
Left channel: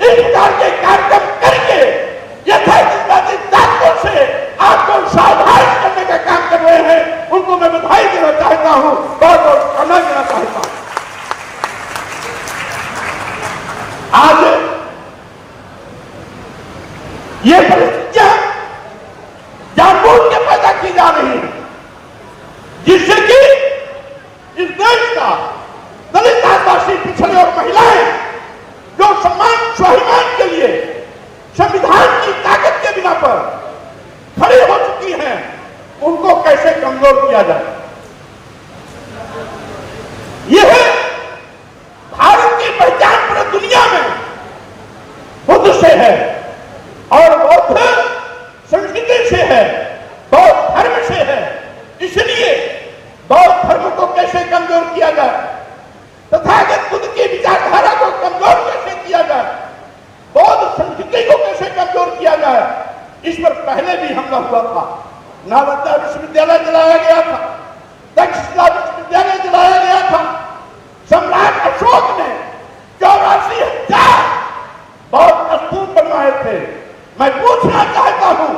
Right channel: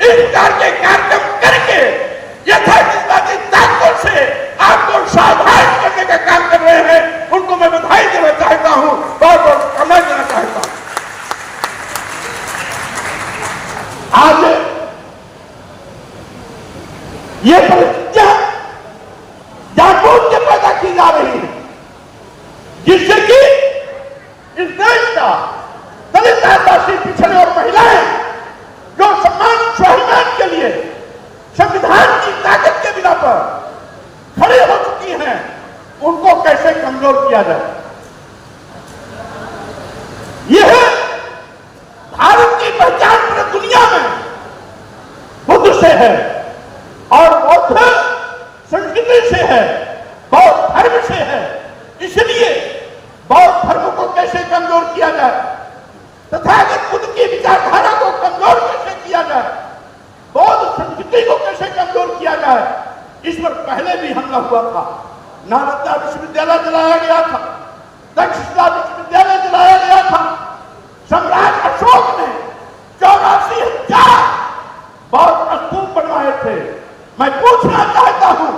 इस प्रकार के कार्यक्रम करके यथाचित ताकतों से आपको सावधान करने का काम कर रहे हैं। उनको मैं बधाई देना चाहता हूं, बहुत बहुत सम्मान देना चाहता हूं। आज ये परिस्थितियां जानबूझ के पैदा की जा रही है, जिससे कि इस देश का दलित आदिवासी पिछड़े और महिलाएं जो सम्मान स्वाभिमान के लिए संविधान की ताकत के बिना पर खड़े हो चुकी हैं, उनको कैसे कमजोर किया जाए। यह भारत की पहचान पूरी दुनिया में बुद्ध से है और बौद्ध संस्कृति से है, बौद्ध धर्म से है। इसलिए बौद्ध धर्म को कैसे कमजोर किया जाए, तथागत बुद्ध की विचारधारा को कमजोर कैसे किया जाए, बौद्ध संस्कृति को कैसे कमजोर किया जाए, इस पर पहले भी हमला हुआ था। नालंदा विश्वविद्यालय जलाया गया था, तक्षशिला विश्वविद्यालय जलाया गया था। सम्राट अशोक ने 84,000 बौद्ध स्तूप बनवाए थे। मैं पूछना चाहता हूं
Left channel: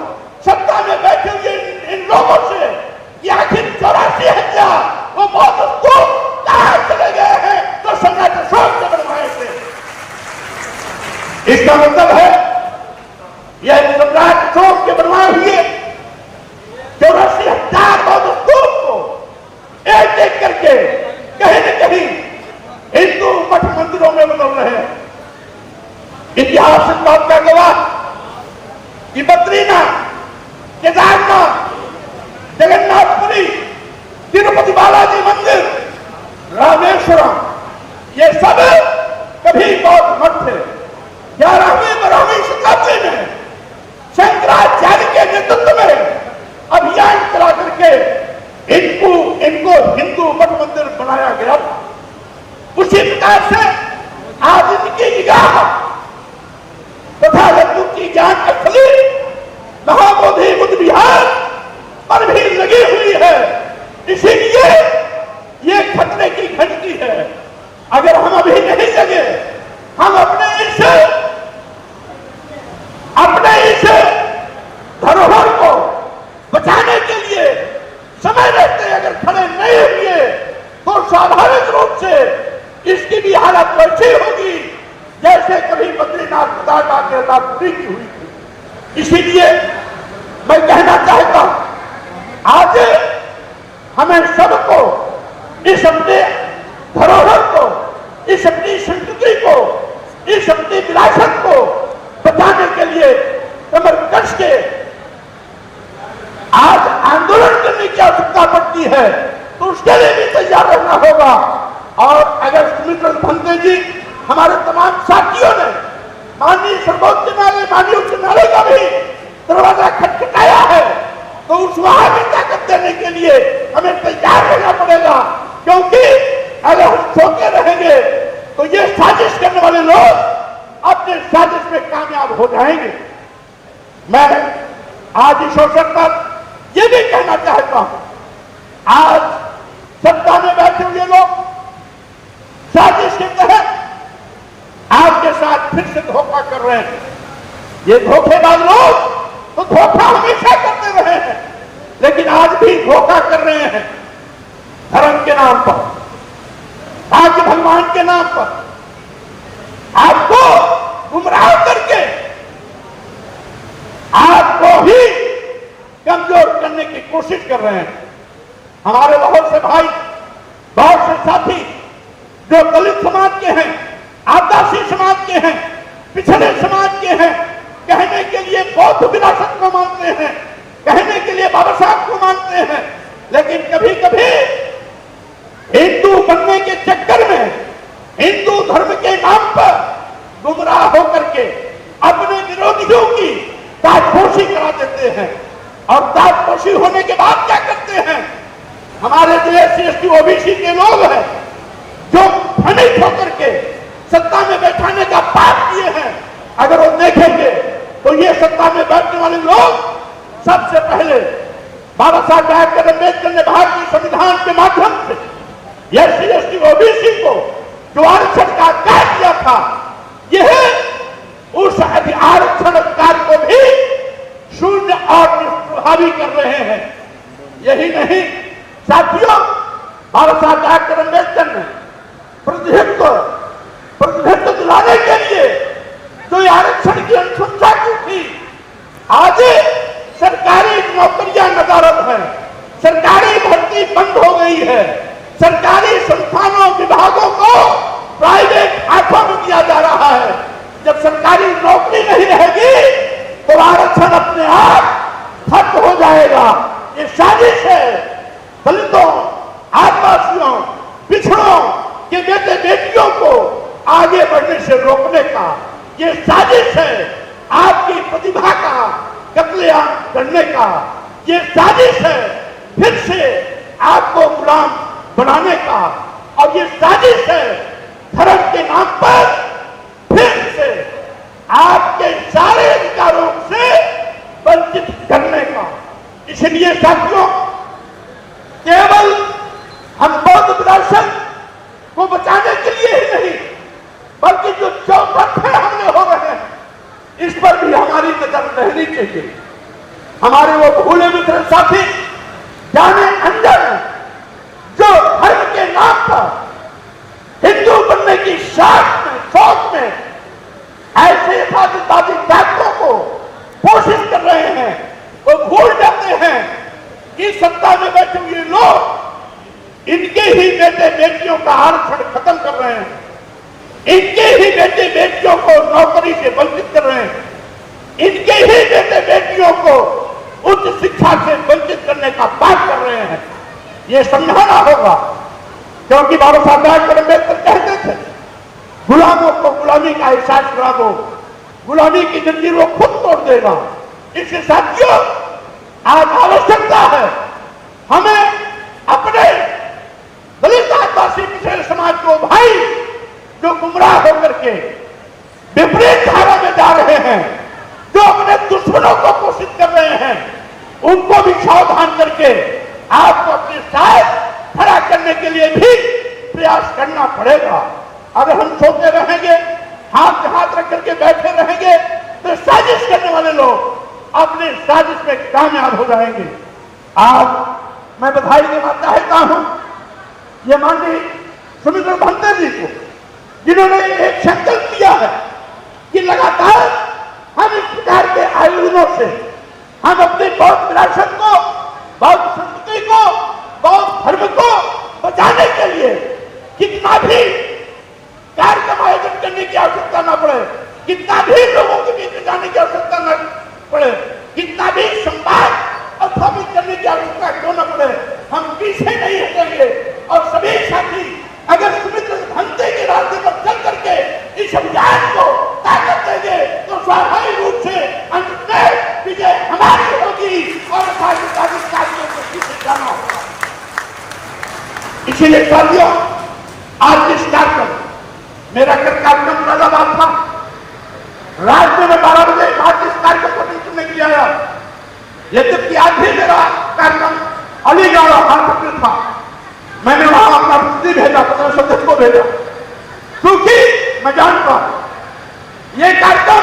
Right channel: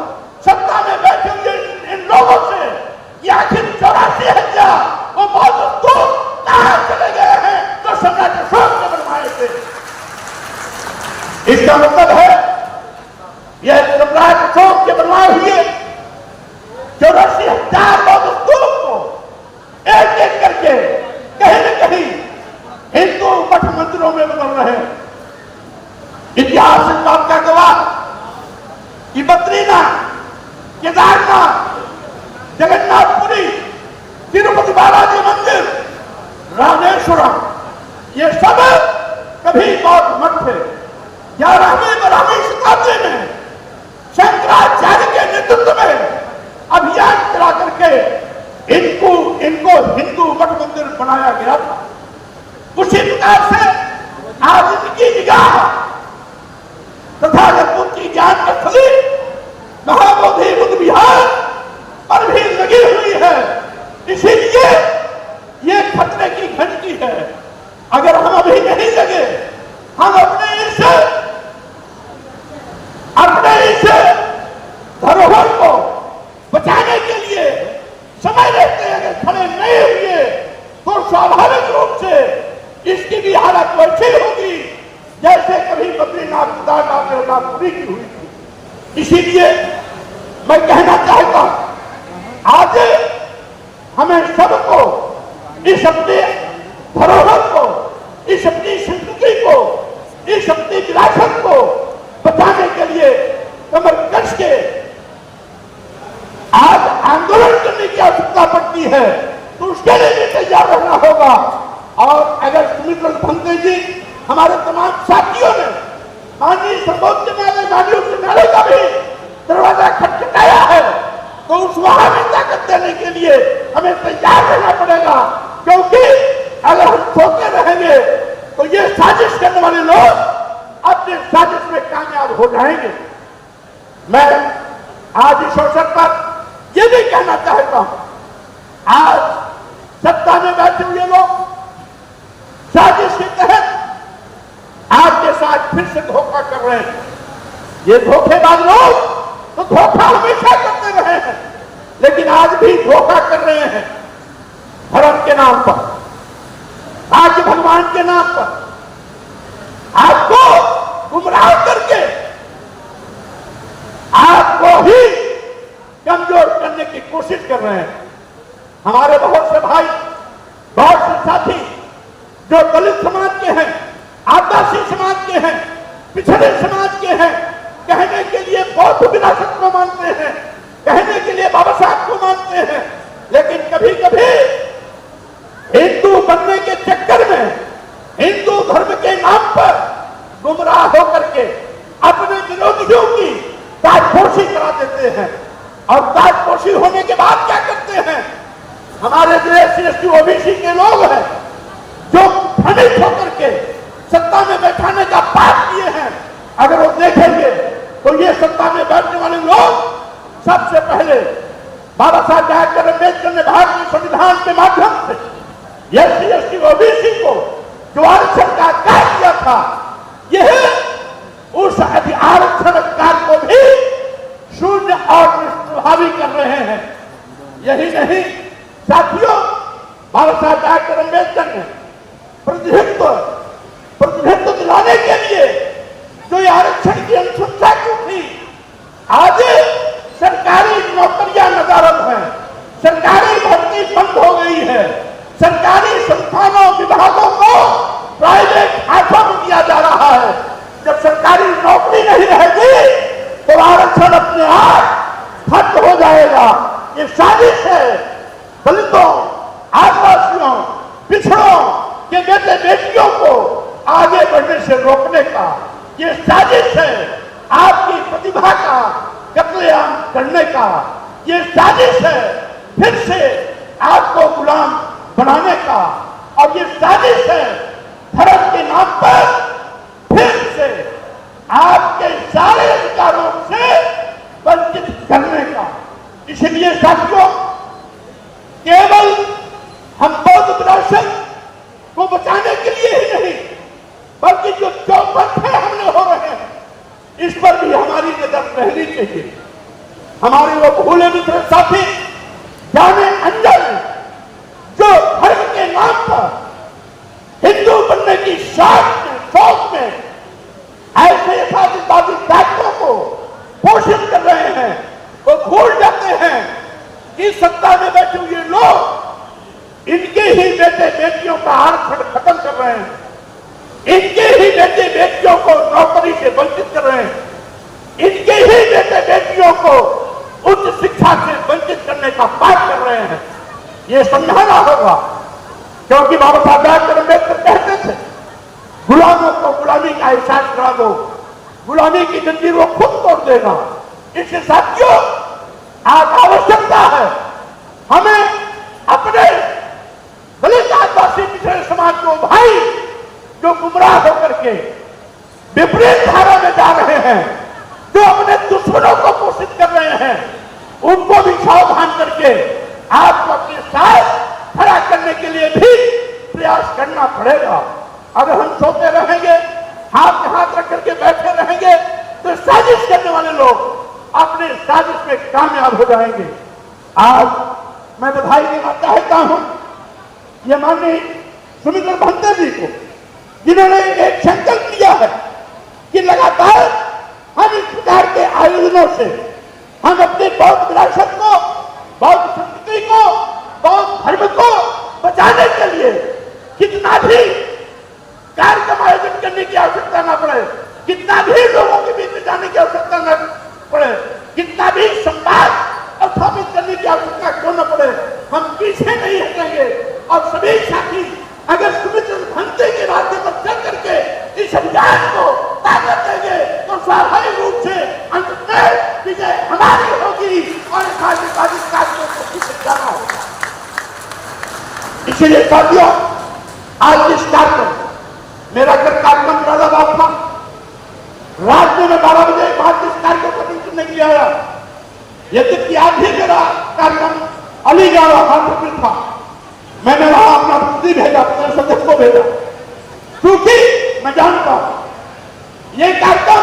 सत्ता में बैठे हुए इन लोगों से कि आखिर 84,000 वो बौद्ध स्तूप कहां चले गए हैं जो सम्राट अशोक ने बनवाए थे। इसका मतलब है यह सम्राट अशोक के बनवाए हुए 84,000 बौद्ध स्तूप को एक एक करके कहीं न कहीं हिंदू मठ मंदिरों में बदल रहे हैं। इतिहास इस बात का गवाह कि बद्रीनाथ, केदारनाथ, जगन्नाथपुरी, तिरुपति बालाजी मंदिर, रामेश्वरम, ये सब कभी बौद्ध मठ थे। 11वीं शताब्दी में शंकराचार्य के नेतृत्व में अभियान चला करके इनको हिंदू मठ मंदिर बनाया गया था। उसी प्रकार से आज इनकी निगाह तथागत बुद्ध की ज्ञान स्थली महाबोधि बुद्ध विहार पर भी लगी हुई है। इसीलिए ये खतरे की घंटी है। अगर हम अभी नहीं जगे, हम अपने इस धरोहर को बचाने के लिए समय रहते अगर खड़े नहीं हुए तो स्वाभाविक रूप से इसकी भी हालत वैसी होगी जैसे कभी बद्रीनाथ केदारनाथ पूरी की हुई थी। इसीलिए मैं कहना चाहता हूं आज हमें सबको इस अपने धरोहर को, इस अपनी संस्कृति को, इस अपनी विरासत को बचाने के लिए कमर कस के आज आंदोलन करने की आवश्यकता पड़ती है, तो उसके लिए भी तैयार रहना होगा। और अगर सुमित्र भंते जी हमारे तमाम साथियों ने माननीय सर्वोच्च न्यायालय, माननीय उच्च न्यायालय का भी दरवाजा खटखटाया है, तो उस वहां भी ताकत देने के लिए हमें तैयार रहना पड़ेगा। क्योंकि अगर हम सोते रहेंगे तो ये साजिश करने वाले लोग अपने साजिश में कामयाब हो जाएंगे। मैं आज इस अवसर पर यह भी कहना चाहता हूं, आज सत्ता में बैठे हुए लोग साजिश के तहत आपके साथ फिर से धोखा कर रहे हैं। ये धोखेबाज लोग तो धोखा हमेशा करते रहे हैं, लेकिन आज भी धोखा कर रहे हैं धर्म के नाम पर, राज्य भगवान के नाम पर, आपको गुमराह करके आपको ही कमजोर करने की कोशिश कर रहे हैं। हमारे बहुत से भाई, बहुत से साथी जो दलित समाज के हैं, आदिवासी समाज के हैं, पिछड़े समाज के हैं, कहने के लिए बौद्ध विरासत को मानते हैं, कहने के लिए बाबा साहब को मानते हैं, लेकिन कभी कभी हिंदू बनने के चक्कर में हिंदू धर्म के नाम पर गुमराह होकर के अपने विरोधियों की ताजपोशी करा देते हैं। और ताजपोशी होने के बाद क्या करते हैं, हमारे जो SC/ST OBC के लोग हैं जो भ्रमित होकर के सत्ता में बैठाने का पाप किए हैं, अगर वो देखेंगे तो ये सत्ता में बैठने वाले लोग सबसे पहले बाबा साहब डॉक्टर अम्बेडकर ने भारतीय संविधान के माध्यम से एससी एसटी ओबीसी को जो आरक्षण का अधिकार दिया था, यह उस आरक्षण अधिकार को भी शून्य और निष्प्रभावी कर रहे हैं। यही नहीं साथियों, बाबा साहब डॉक्टर अम्बेडकर ने प्रतिनिधित्व दिलाने के लिए जो आरक्षण की अनुशंसा की थी, आज सरकारी नौकरियां नदारद हैं, सरकारी भर्ती बंद हो गई है, सरकारी संस्थानों विभागों को प्राइवेट हाथों में दिया जा रहा है। जब सरकारी नौकरी नहीं रहेगी तो आरक्षण अपने आप खत्म हो जाएगा। ये साजिश है दलितों, आदिवासियों, पिछड़ों के बेटे बेटियों को आगे बढ़ने से रोकने का। ये साजिश है आपकी प्रतिभा का कत्लेआम करने का। ये साजिश है फिर से आपको गुलाम बनाने का। और ये साजिश है धर्म के नाम पर फिर से आपके सारे अधिकारों से वंचित करने का। इसलिए साथियों, केवल हम बौद्ध विरासत को बचाने के लिए ही नहीं, बल्कि जो चौपट हमले हो रहे हैं, इस पर भी हमारी नजर रहनी चाहिए। हमारे वो भूले मित्र साथी जाने अनजाने जो धर्म के नाम पर हिंदू बनने की शौक में ऐसे यथार्थवादी ताकतों को कोशिश कर रहे हैं, वो भूल जाते हैं कि सत्ता में बैठे हुए लोग इनके ही बेटे बेटियों का आरक्षण खत्म कर रहे हैं, इनके ही बेटे बेटियों को नौकरी से वंचित कर रहे हैं, इनके ही बेटे बेटियों को उच्च शिक्षा से वंचित करने का पाठ कर रहे हैं। ये समझाना होगा, क्योंकि बाबा साहब डॉक्टर अम्बेडकर कहते थे गुलामों को गुलामी का एहसास करा दो, गुलामी की जंजीरों खुद तोड़ देगा। इसके साथियों, आज आवश्यकता है हमें अपने दलित आदिवासी पिछड़े समाज को भाई जो गुमराह होकर के विपरीत धारा में जा रहे हैं, जो अपने दुश्मनों को पोषित कर रहे हैं, उनको भी सावधान करके आपको अपने साथ खड़ा करने के लिए भी प्रयास करना पड़ेगा। अगर हम सोते रहेंगे, हाथ में हाथ रख करके बैठे रहेंगे, तो साजिश करने वाले लोग अपने साजिश में कामयाब हो जाएंगे। आज मैं बधाई देना चाहता हूं ये माननीय सुमित्रा भंते जी को, जिन्होंने एक संकल्प लिया है कि लगातार हम इस प्रकार के आयोजनों से हम अपने बौद्ध विरासत को, बौद्ध संस्कृति को, बौद्ध धर्म को बचाने के लिए कितना भी कार्यक्रम आयोजन करने की आवश्यकता न पड़े, कितना भी लोगों के बीच जाने की आवश्यकता न पड़े, कितना भी संवाद स्थापित करने की आवश्यकता क्यों न पड़े, हम पीछे नहीं हटेंगे। और सभी साथी अगर सुमित्रा भंते के रास्ते पर चल करके इस अभियान को ताकत देंगे तो स्वाभाविक रूप से अंत में विजय हमारी होगी और कार्यों को पीछे जाना होगा। इसीलिए साथियों, आज इस कार्यक्रम मेरा कार्यक्रम मुरादाबाद था, रात में 12 बजे बाद इस कार्यक्रम को सुनने के लिए आया। यद्यपि आज भी मेरा कार्यक्रम अलीगढ़ और कानपुर में था, मैंने वहां अपना प्रतिनिधि भेजा, अपने सदस्य को भेजा, क्योंकि मैं जानता हूं ये कार्यक्रम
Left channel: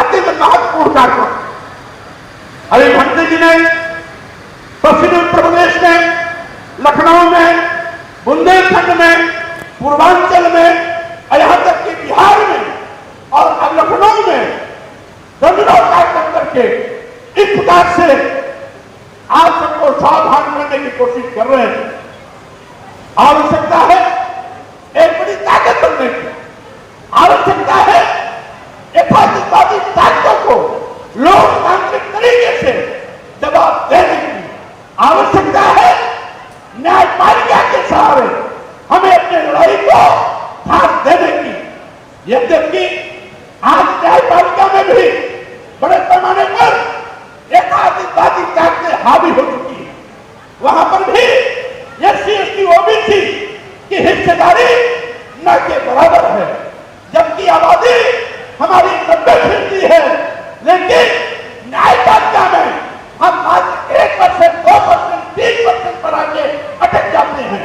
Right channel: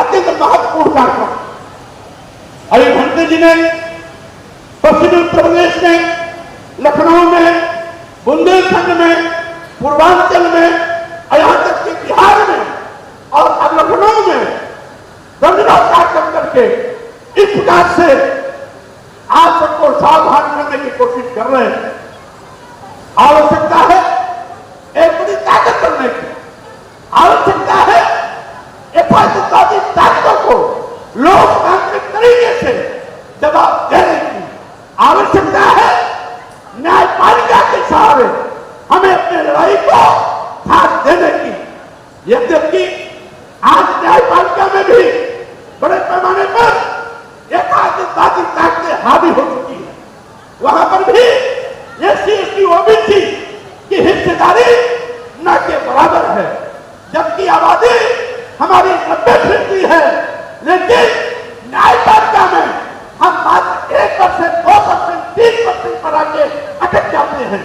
अत्यंत महत्वपूर्ण कार्यक्रम। अभी भंते जी ने पश्चिमी उत्तर प्रदेश में, लखनऊ में, बुंदेलखंड में, पूर्वांचल में, यहां तक कि बिहार में और अब लखनऊ में दर्जनों कार्यक्रम करके इस प्रकार से आप सबको सावधान करने की कोशिश कर रहे हैं। आवश्यकता है एक बड़ी ताकत बनने की, आवश्यकता है यथार्थवादी ताकतों को लोकतांत्रिक तरीके से जवाब देने की, आवश्यकता है न्यायपालिका के सहारे हमें अपनी लड़ाई को साथ देने की। यद्यपि आज न्यायपालिका में भी बड़े पैमाने पर यथार्थवादी ताकतें हावी हो चुकी है, वहां पर भी एससी एसटी ओबीसी की हिस्सेदारी न के बराबर है, जबकि आबादी हमारी 90% है, लेकिन न्यायपालिका में हम मात्र 1% स्टेशन पर आके अटक जाते हैं।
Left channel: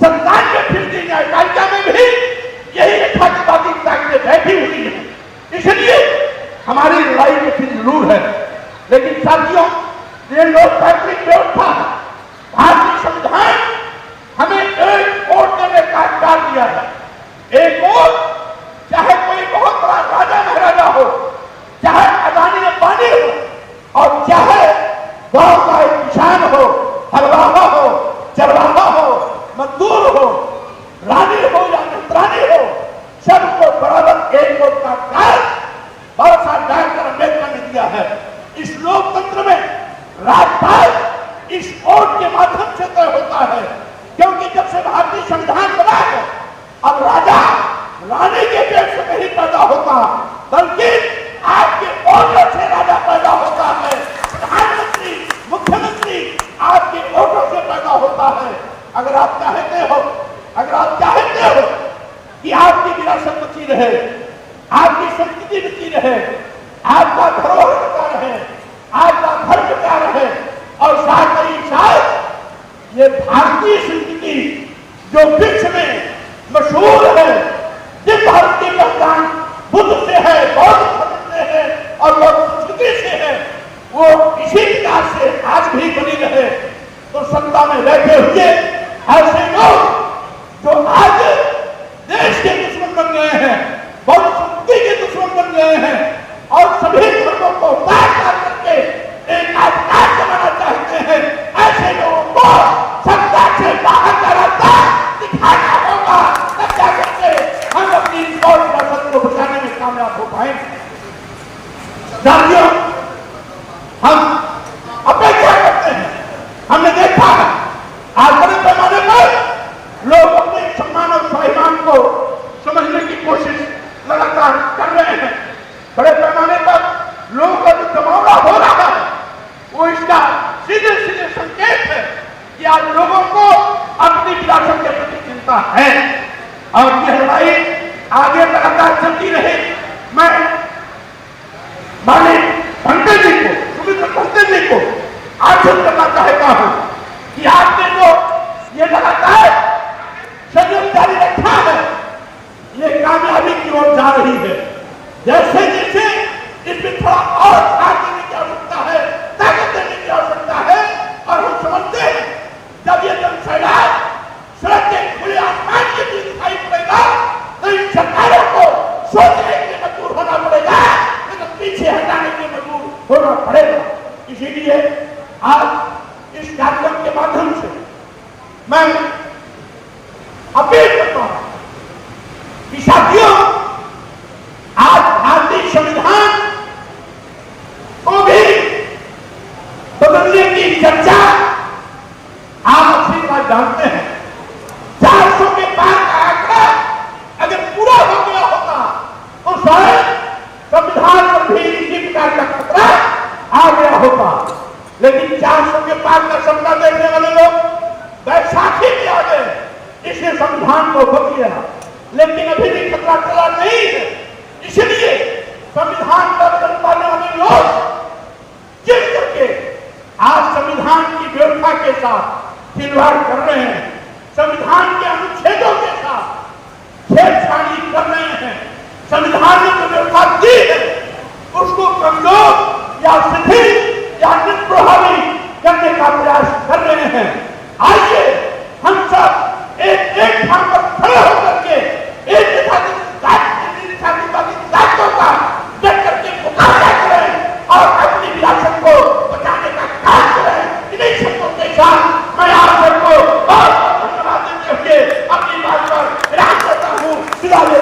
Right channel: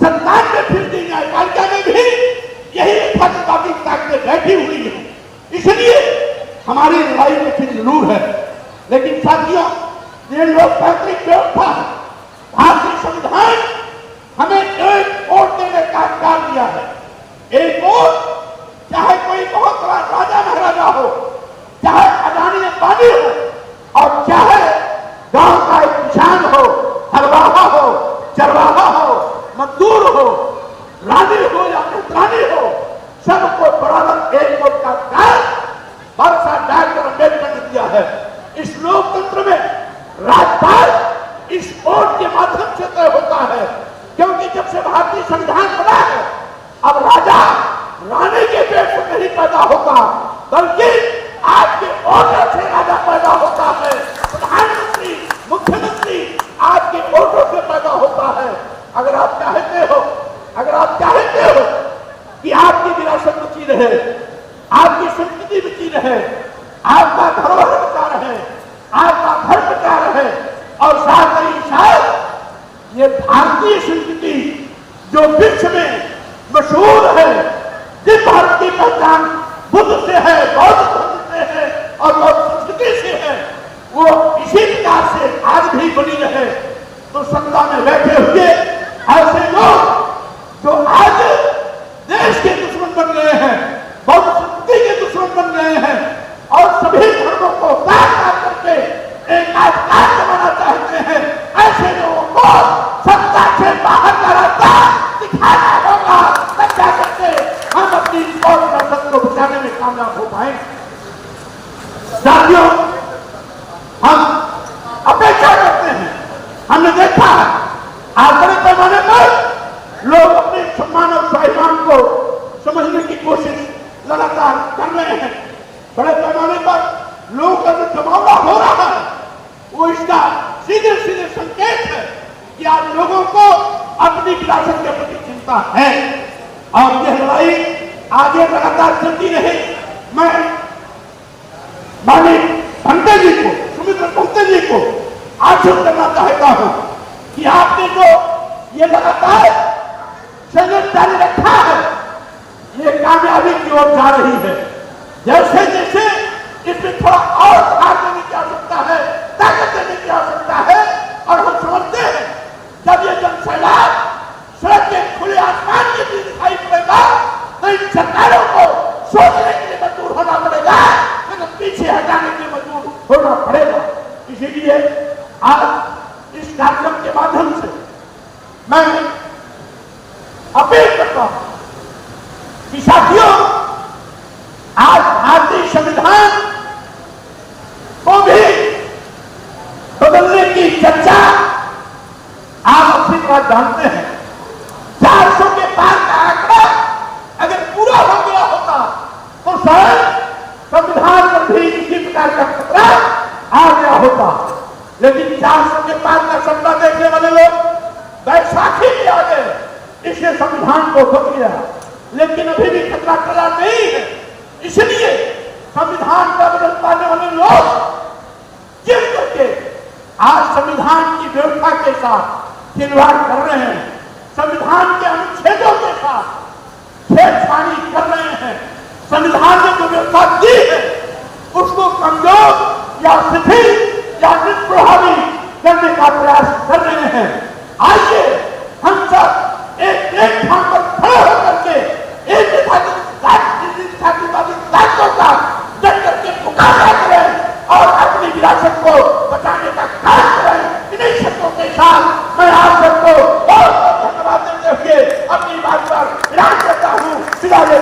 97 में फिर भी न्यायपालिका में भी यही यथार्थवादी ताकतें बैठी हुई है। इसलिए हमारी लड़ाई में फिर जरूर है, लेकिन साथियों ये लोकतांत्रिक व्यवस्था है। भारतीय संविधान हमें एक वोट देने का अधिकार दिया है। एक वोट, चाहे कोई बहुत बड़ा राजा महाराजा हो, चाहे अदानी अंबानी हो, और चाहे गांव का एक किसान हो, हलवाहा हो, चरवाहा हो, मजदूर हो, रानी हो या नौकरानी हो, सबको बराबर एक वोट का अधिकार बाबा साहब डॉक्टर अम्बेडकर ने दिया है। इस लोकतंत्र में राजपाल इस वोट के माध्यम से तय होता है, क्योंकि जब से भारतीय संविधान बना है अब राजा रानी के पेट से नहीं पैदा होता, बल्कि आपके वोटों से राजा पैदा होता है। प्रधानमंत्री, मुख्यमंत्री आपके वोटों से पैदा होता है। अगर आप चाहते हो कि आपकी विरासत बची रहे, आपकी संस्कृति बची रहे, आपका धरोहर बचा रहे, आपका घर बचा रहे, और साथ ही साथ ये भारतीय संस्कृति जो विश्व में मशहूर है, जिस भारत की पहचान बुद्ध से है, बौद्ध धर्म से है और बौद्ध संस्कृति से है, वो इसी प्रकार से आज भी बनी रहे। तो सत्ता में रहते हुए ऐसे लोग जो आज देश के दुश्मन बन गए हैं, बौद्ध संस्कृति के दुश्मन बन गए हैं, और सभी धर्मों को काट करके एक अधिकार जमाना चाहते हैं, ऐसे लोगों को सत्ता से बाहर का रास्ता दिखाना होगा, तब जा करके हम अपनी विरासत को बचाने में कामयाब हो पाएंगे। साथियों, हम अपेक्षा करते हैं, हमने देखा है आज बड़े पैमाने पर लोग अपने सम्मान और स्वाभिमान को समझने की कोशिश लगातार कर रहे हैं। बड़े पैमाने पर लोगों का जो जमावड़ा हो रहा है वो इसका सीधे सीधे संकेत है कि आज लोगों को अपनी विरासत के प्रति चिंता है, और यह लड़ाई आगे लगातार चलती रहे। मैं माननीय भंते जी को, सुमित्रा भंते जी को आश्वस्त करना चाहता हूं कि आपने जो ये लगातार संयम जारी रखा है, ये कामयाबी की ओर जा रही है। जैसे जैसे इसमें थोड़ा और खाद देने की आवश्यकता है, ताकत देने की आवश्यकता है, और हम समझते हैं जब ये जनसैलाब सड़क के खुले आसमान के बीच दिखाई पड़ेगा तो इन सरकारों को सोचने के लिए मजबूर होना पड़ेगा, लेकिन पीछे हटाने के लिए मजबूर होना पड़ेगा। इसीलिए आज इस कार्यक्रम के माध्यम से मैं अपील करता हूं कि साथियों, आज भारतीय संविधान को भी बदलने की चर्चा आप अपनी बात जानते हैं। 400 के पार का आंकड़ा अगर पूरा हो गया होता तो शायद संविधान पर भी इसी प्रकार का खतरा आ गया होता, लेकिन 400 के पार का सपना देखने वाले लोग बैसाखी में आ गए, इसने संविधान को बच गया, लेकिन अभी भी खतरा टला नहीं है। इसलिए संविधान का बदल पाने वाले लोग जिस करके आज संविधान की व्यवस्था के साथ खिलवाड़ कर रहे हैं, संविधान के अनुच्छेदों के साथ छेड़छाड़ी कर रहे हैं, संविधान ने जो व्यवस्था दी है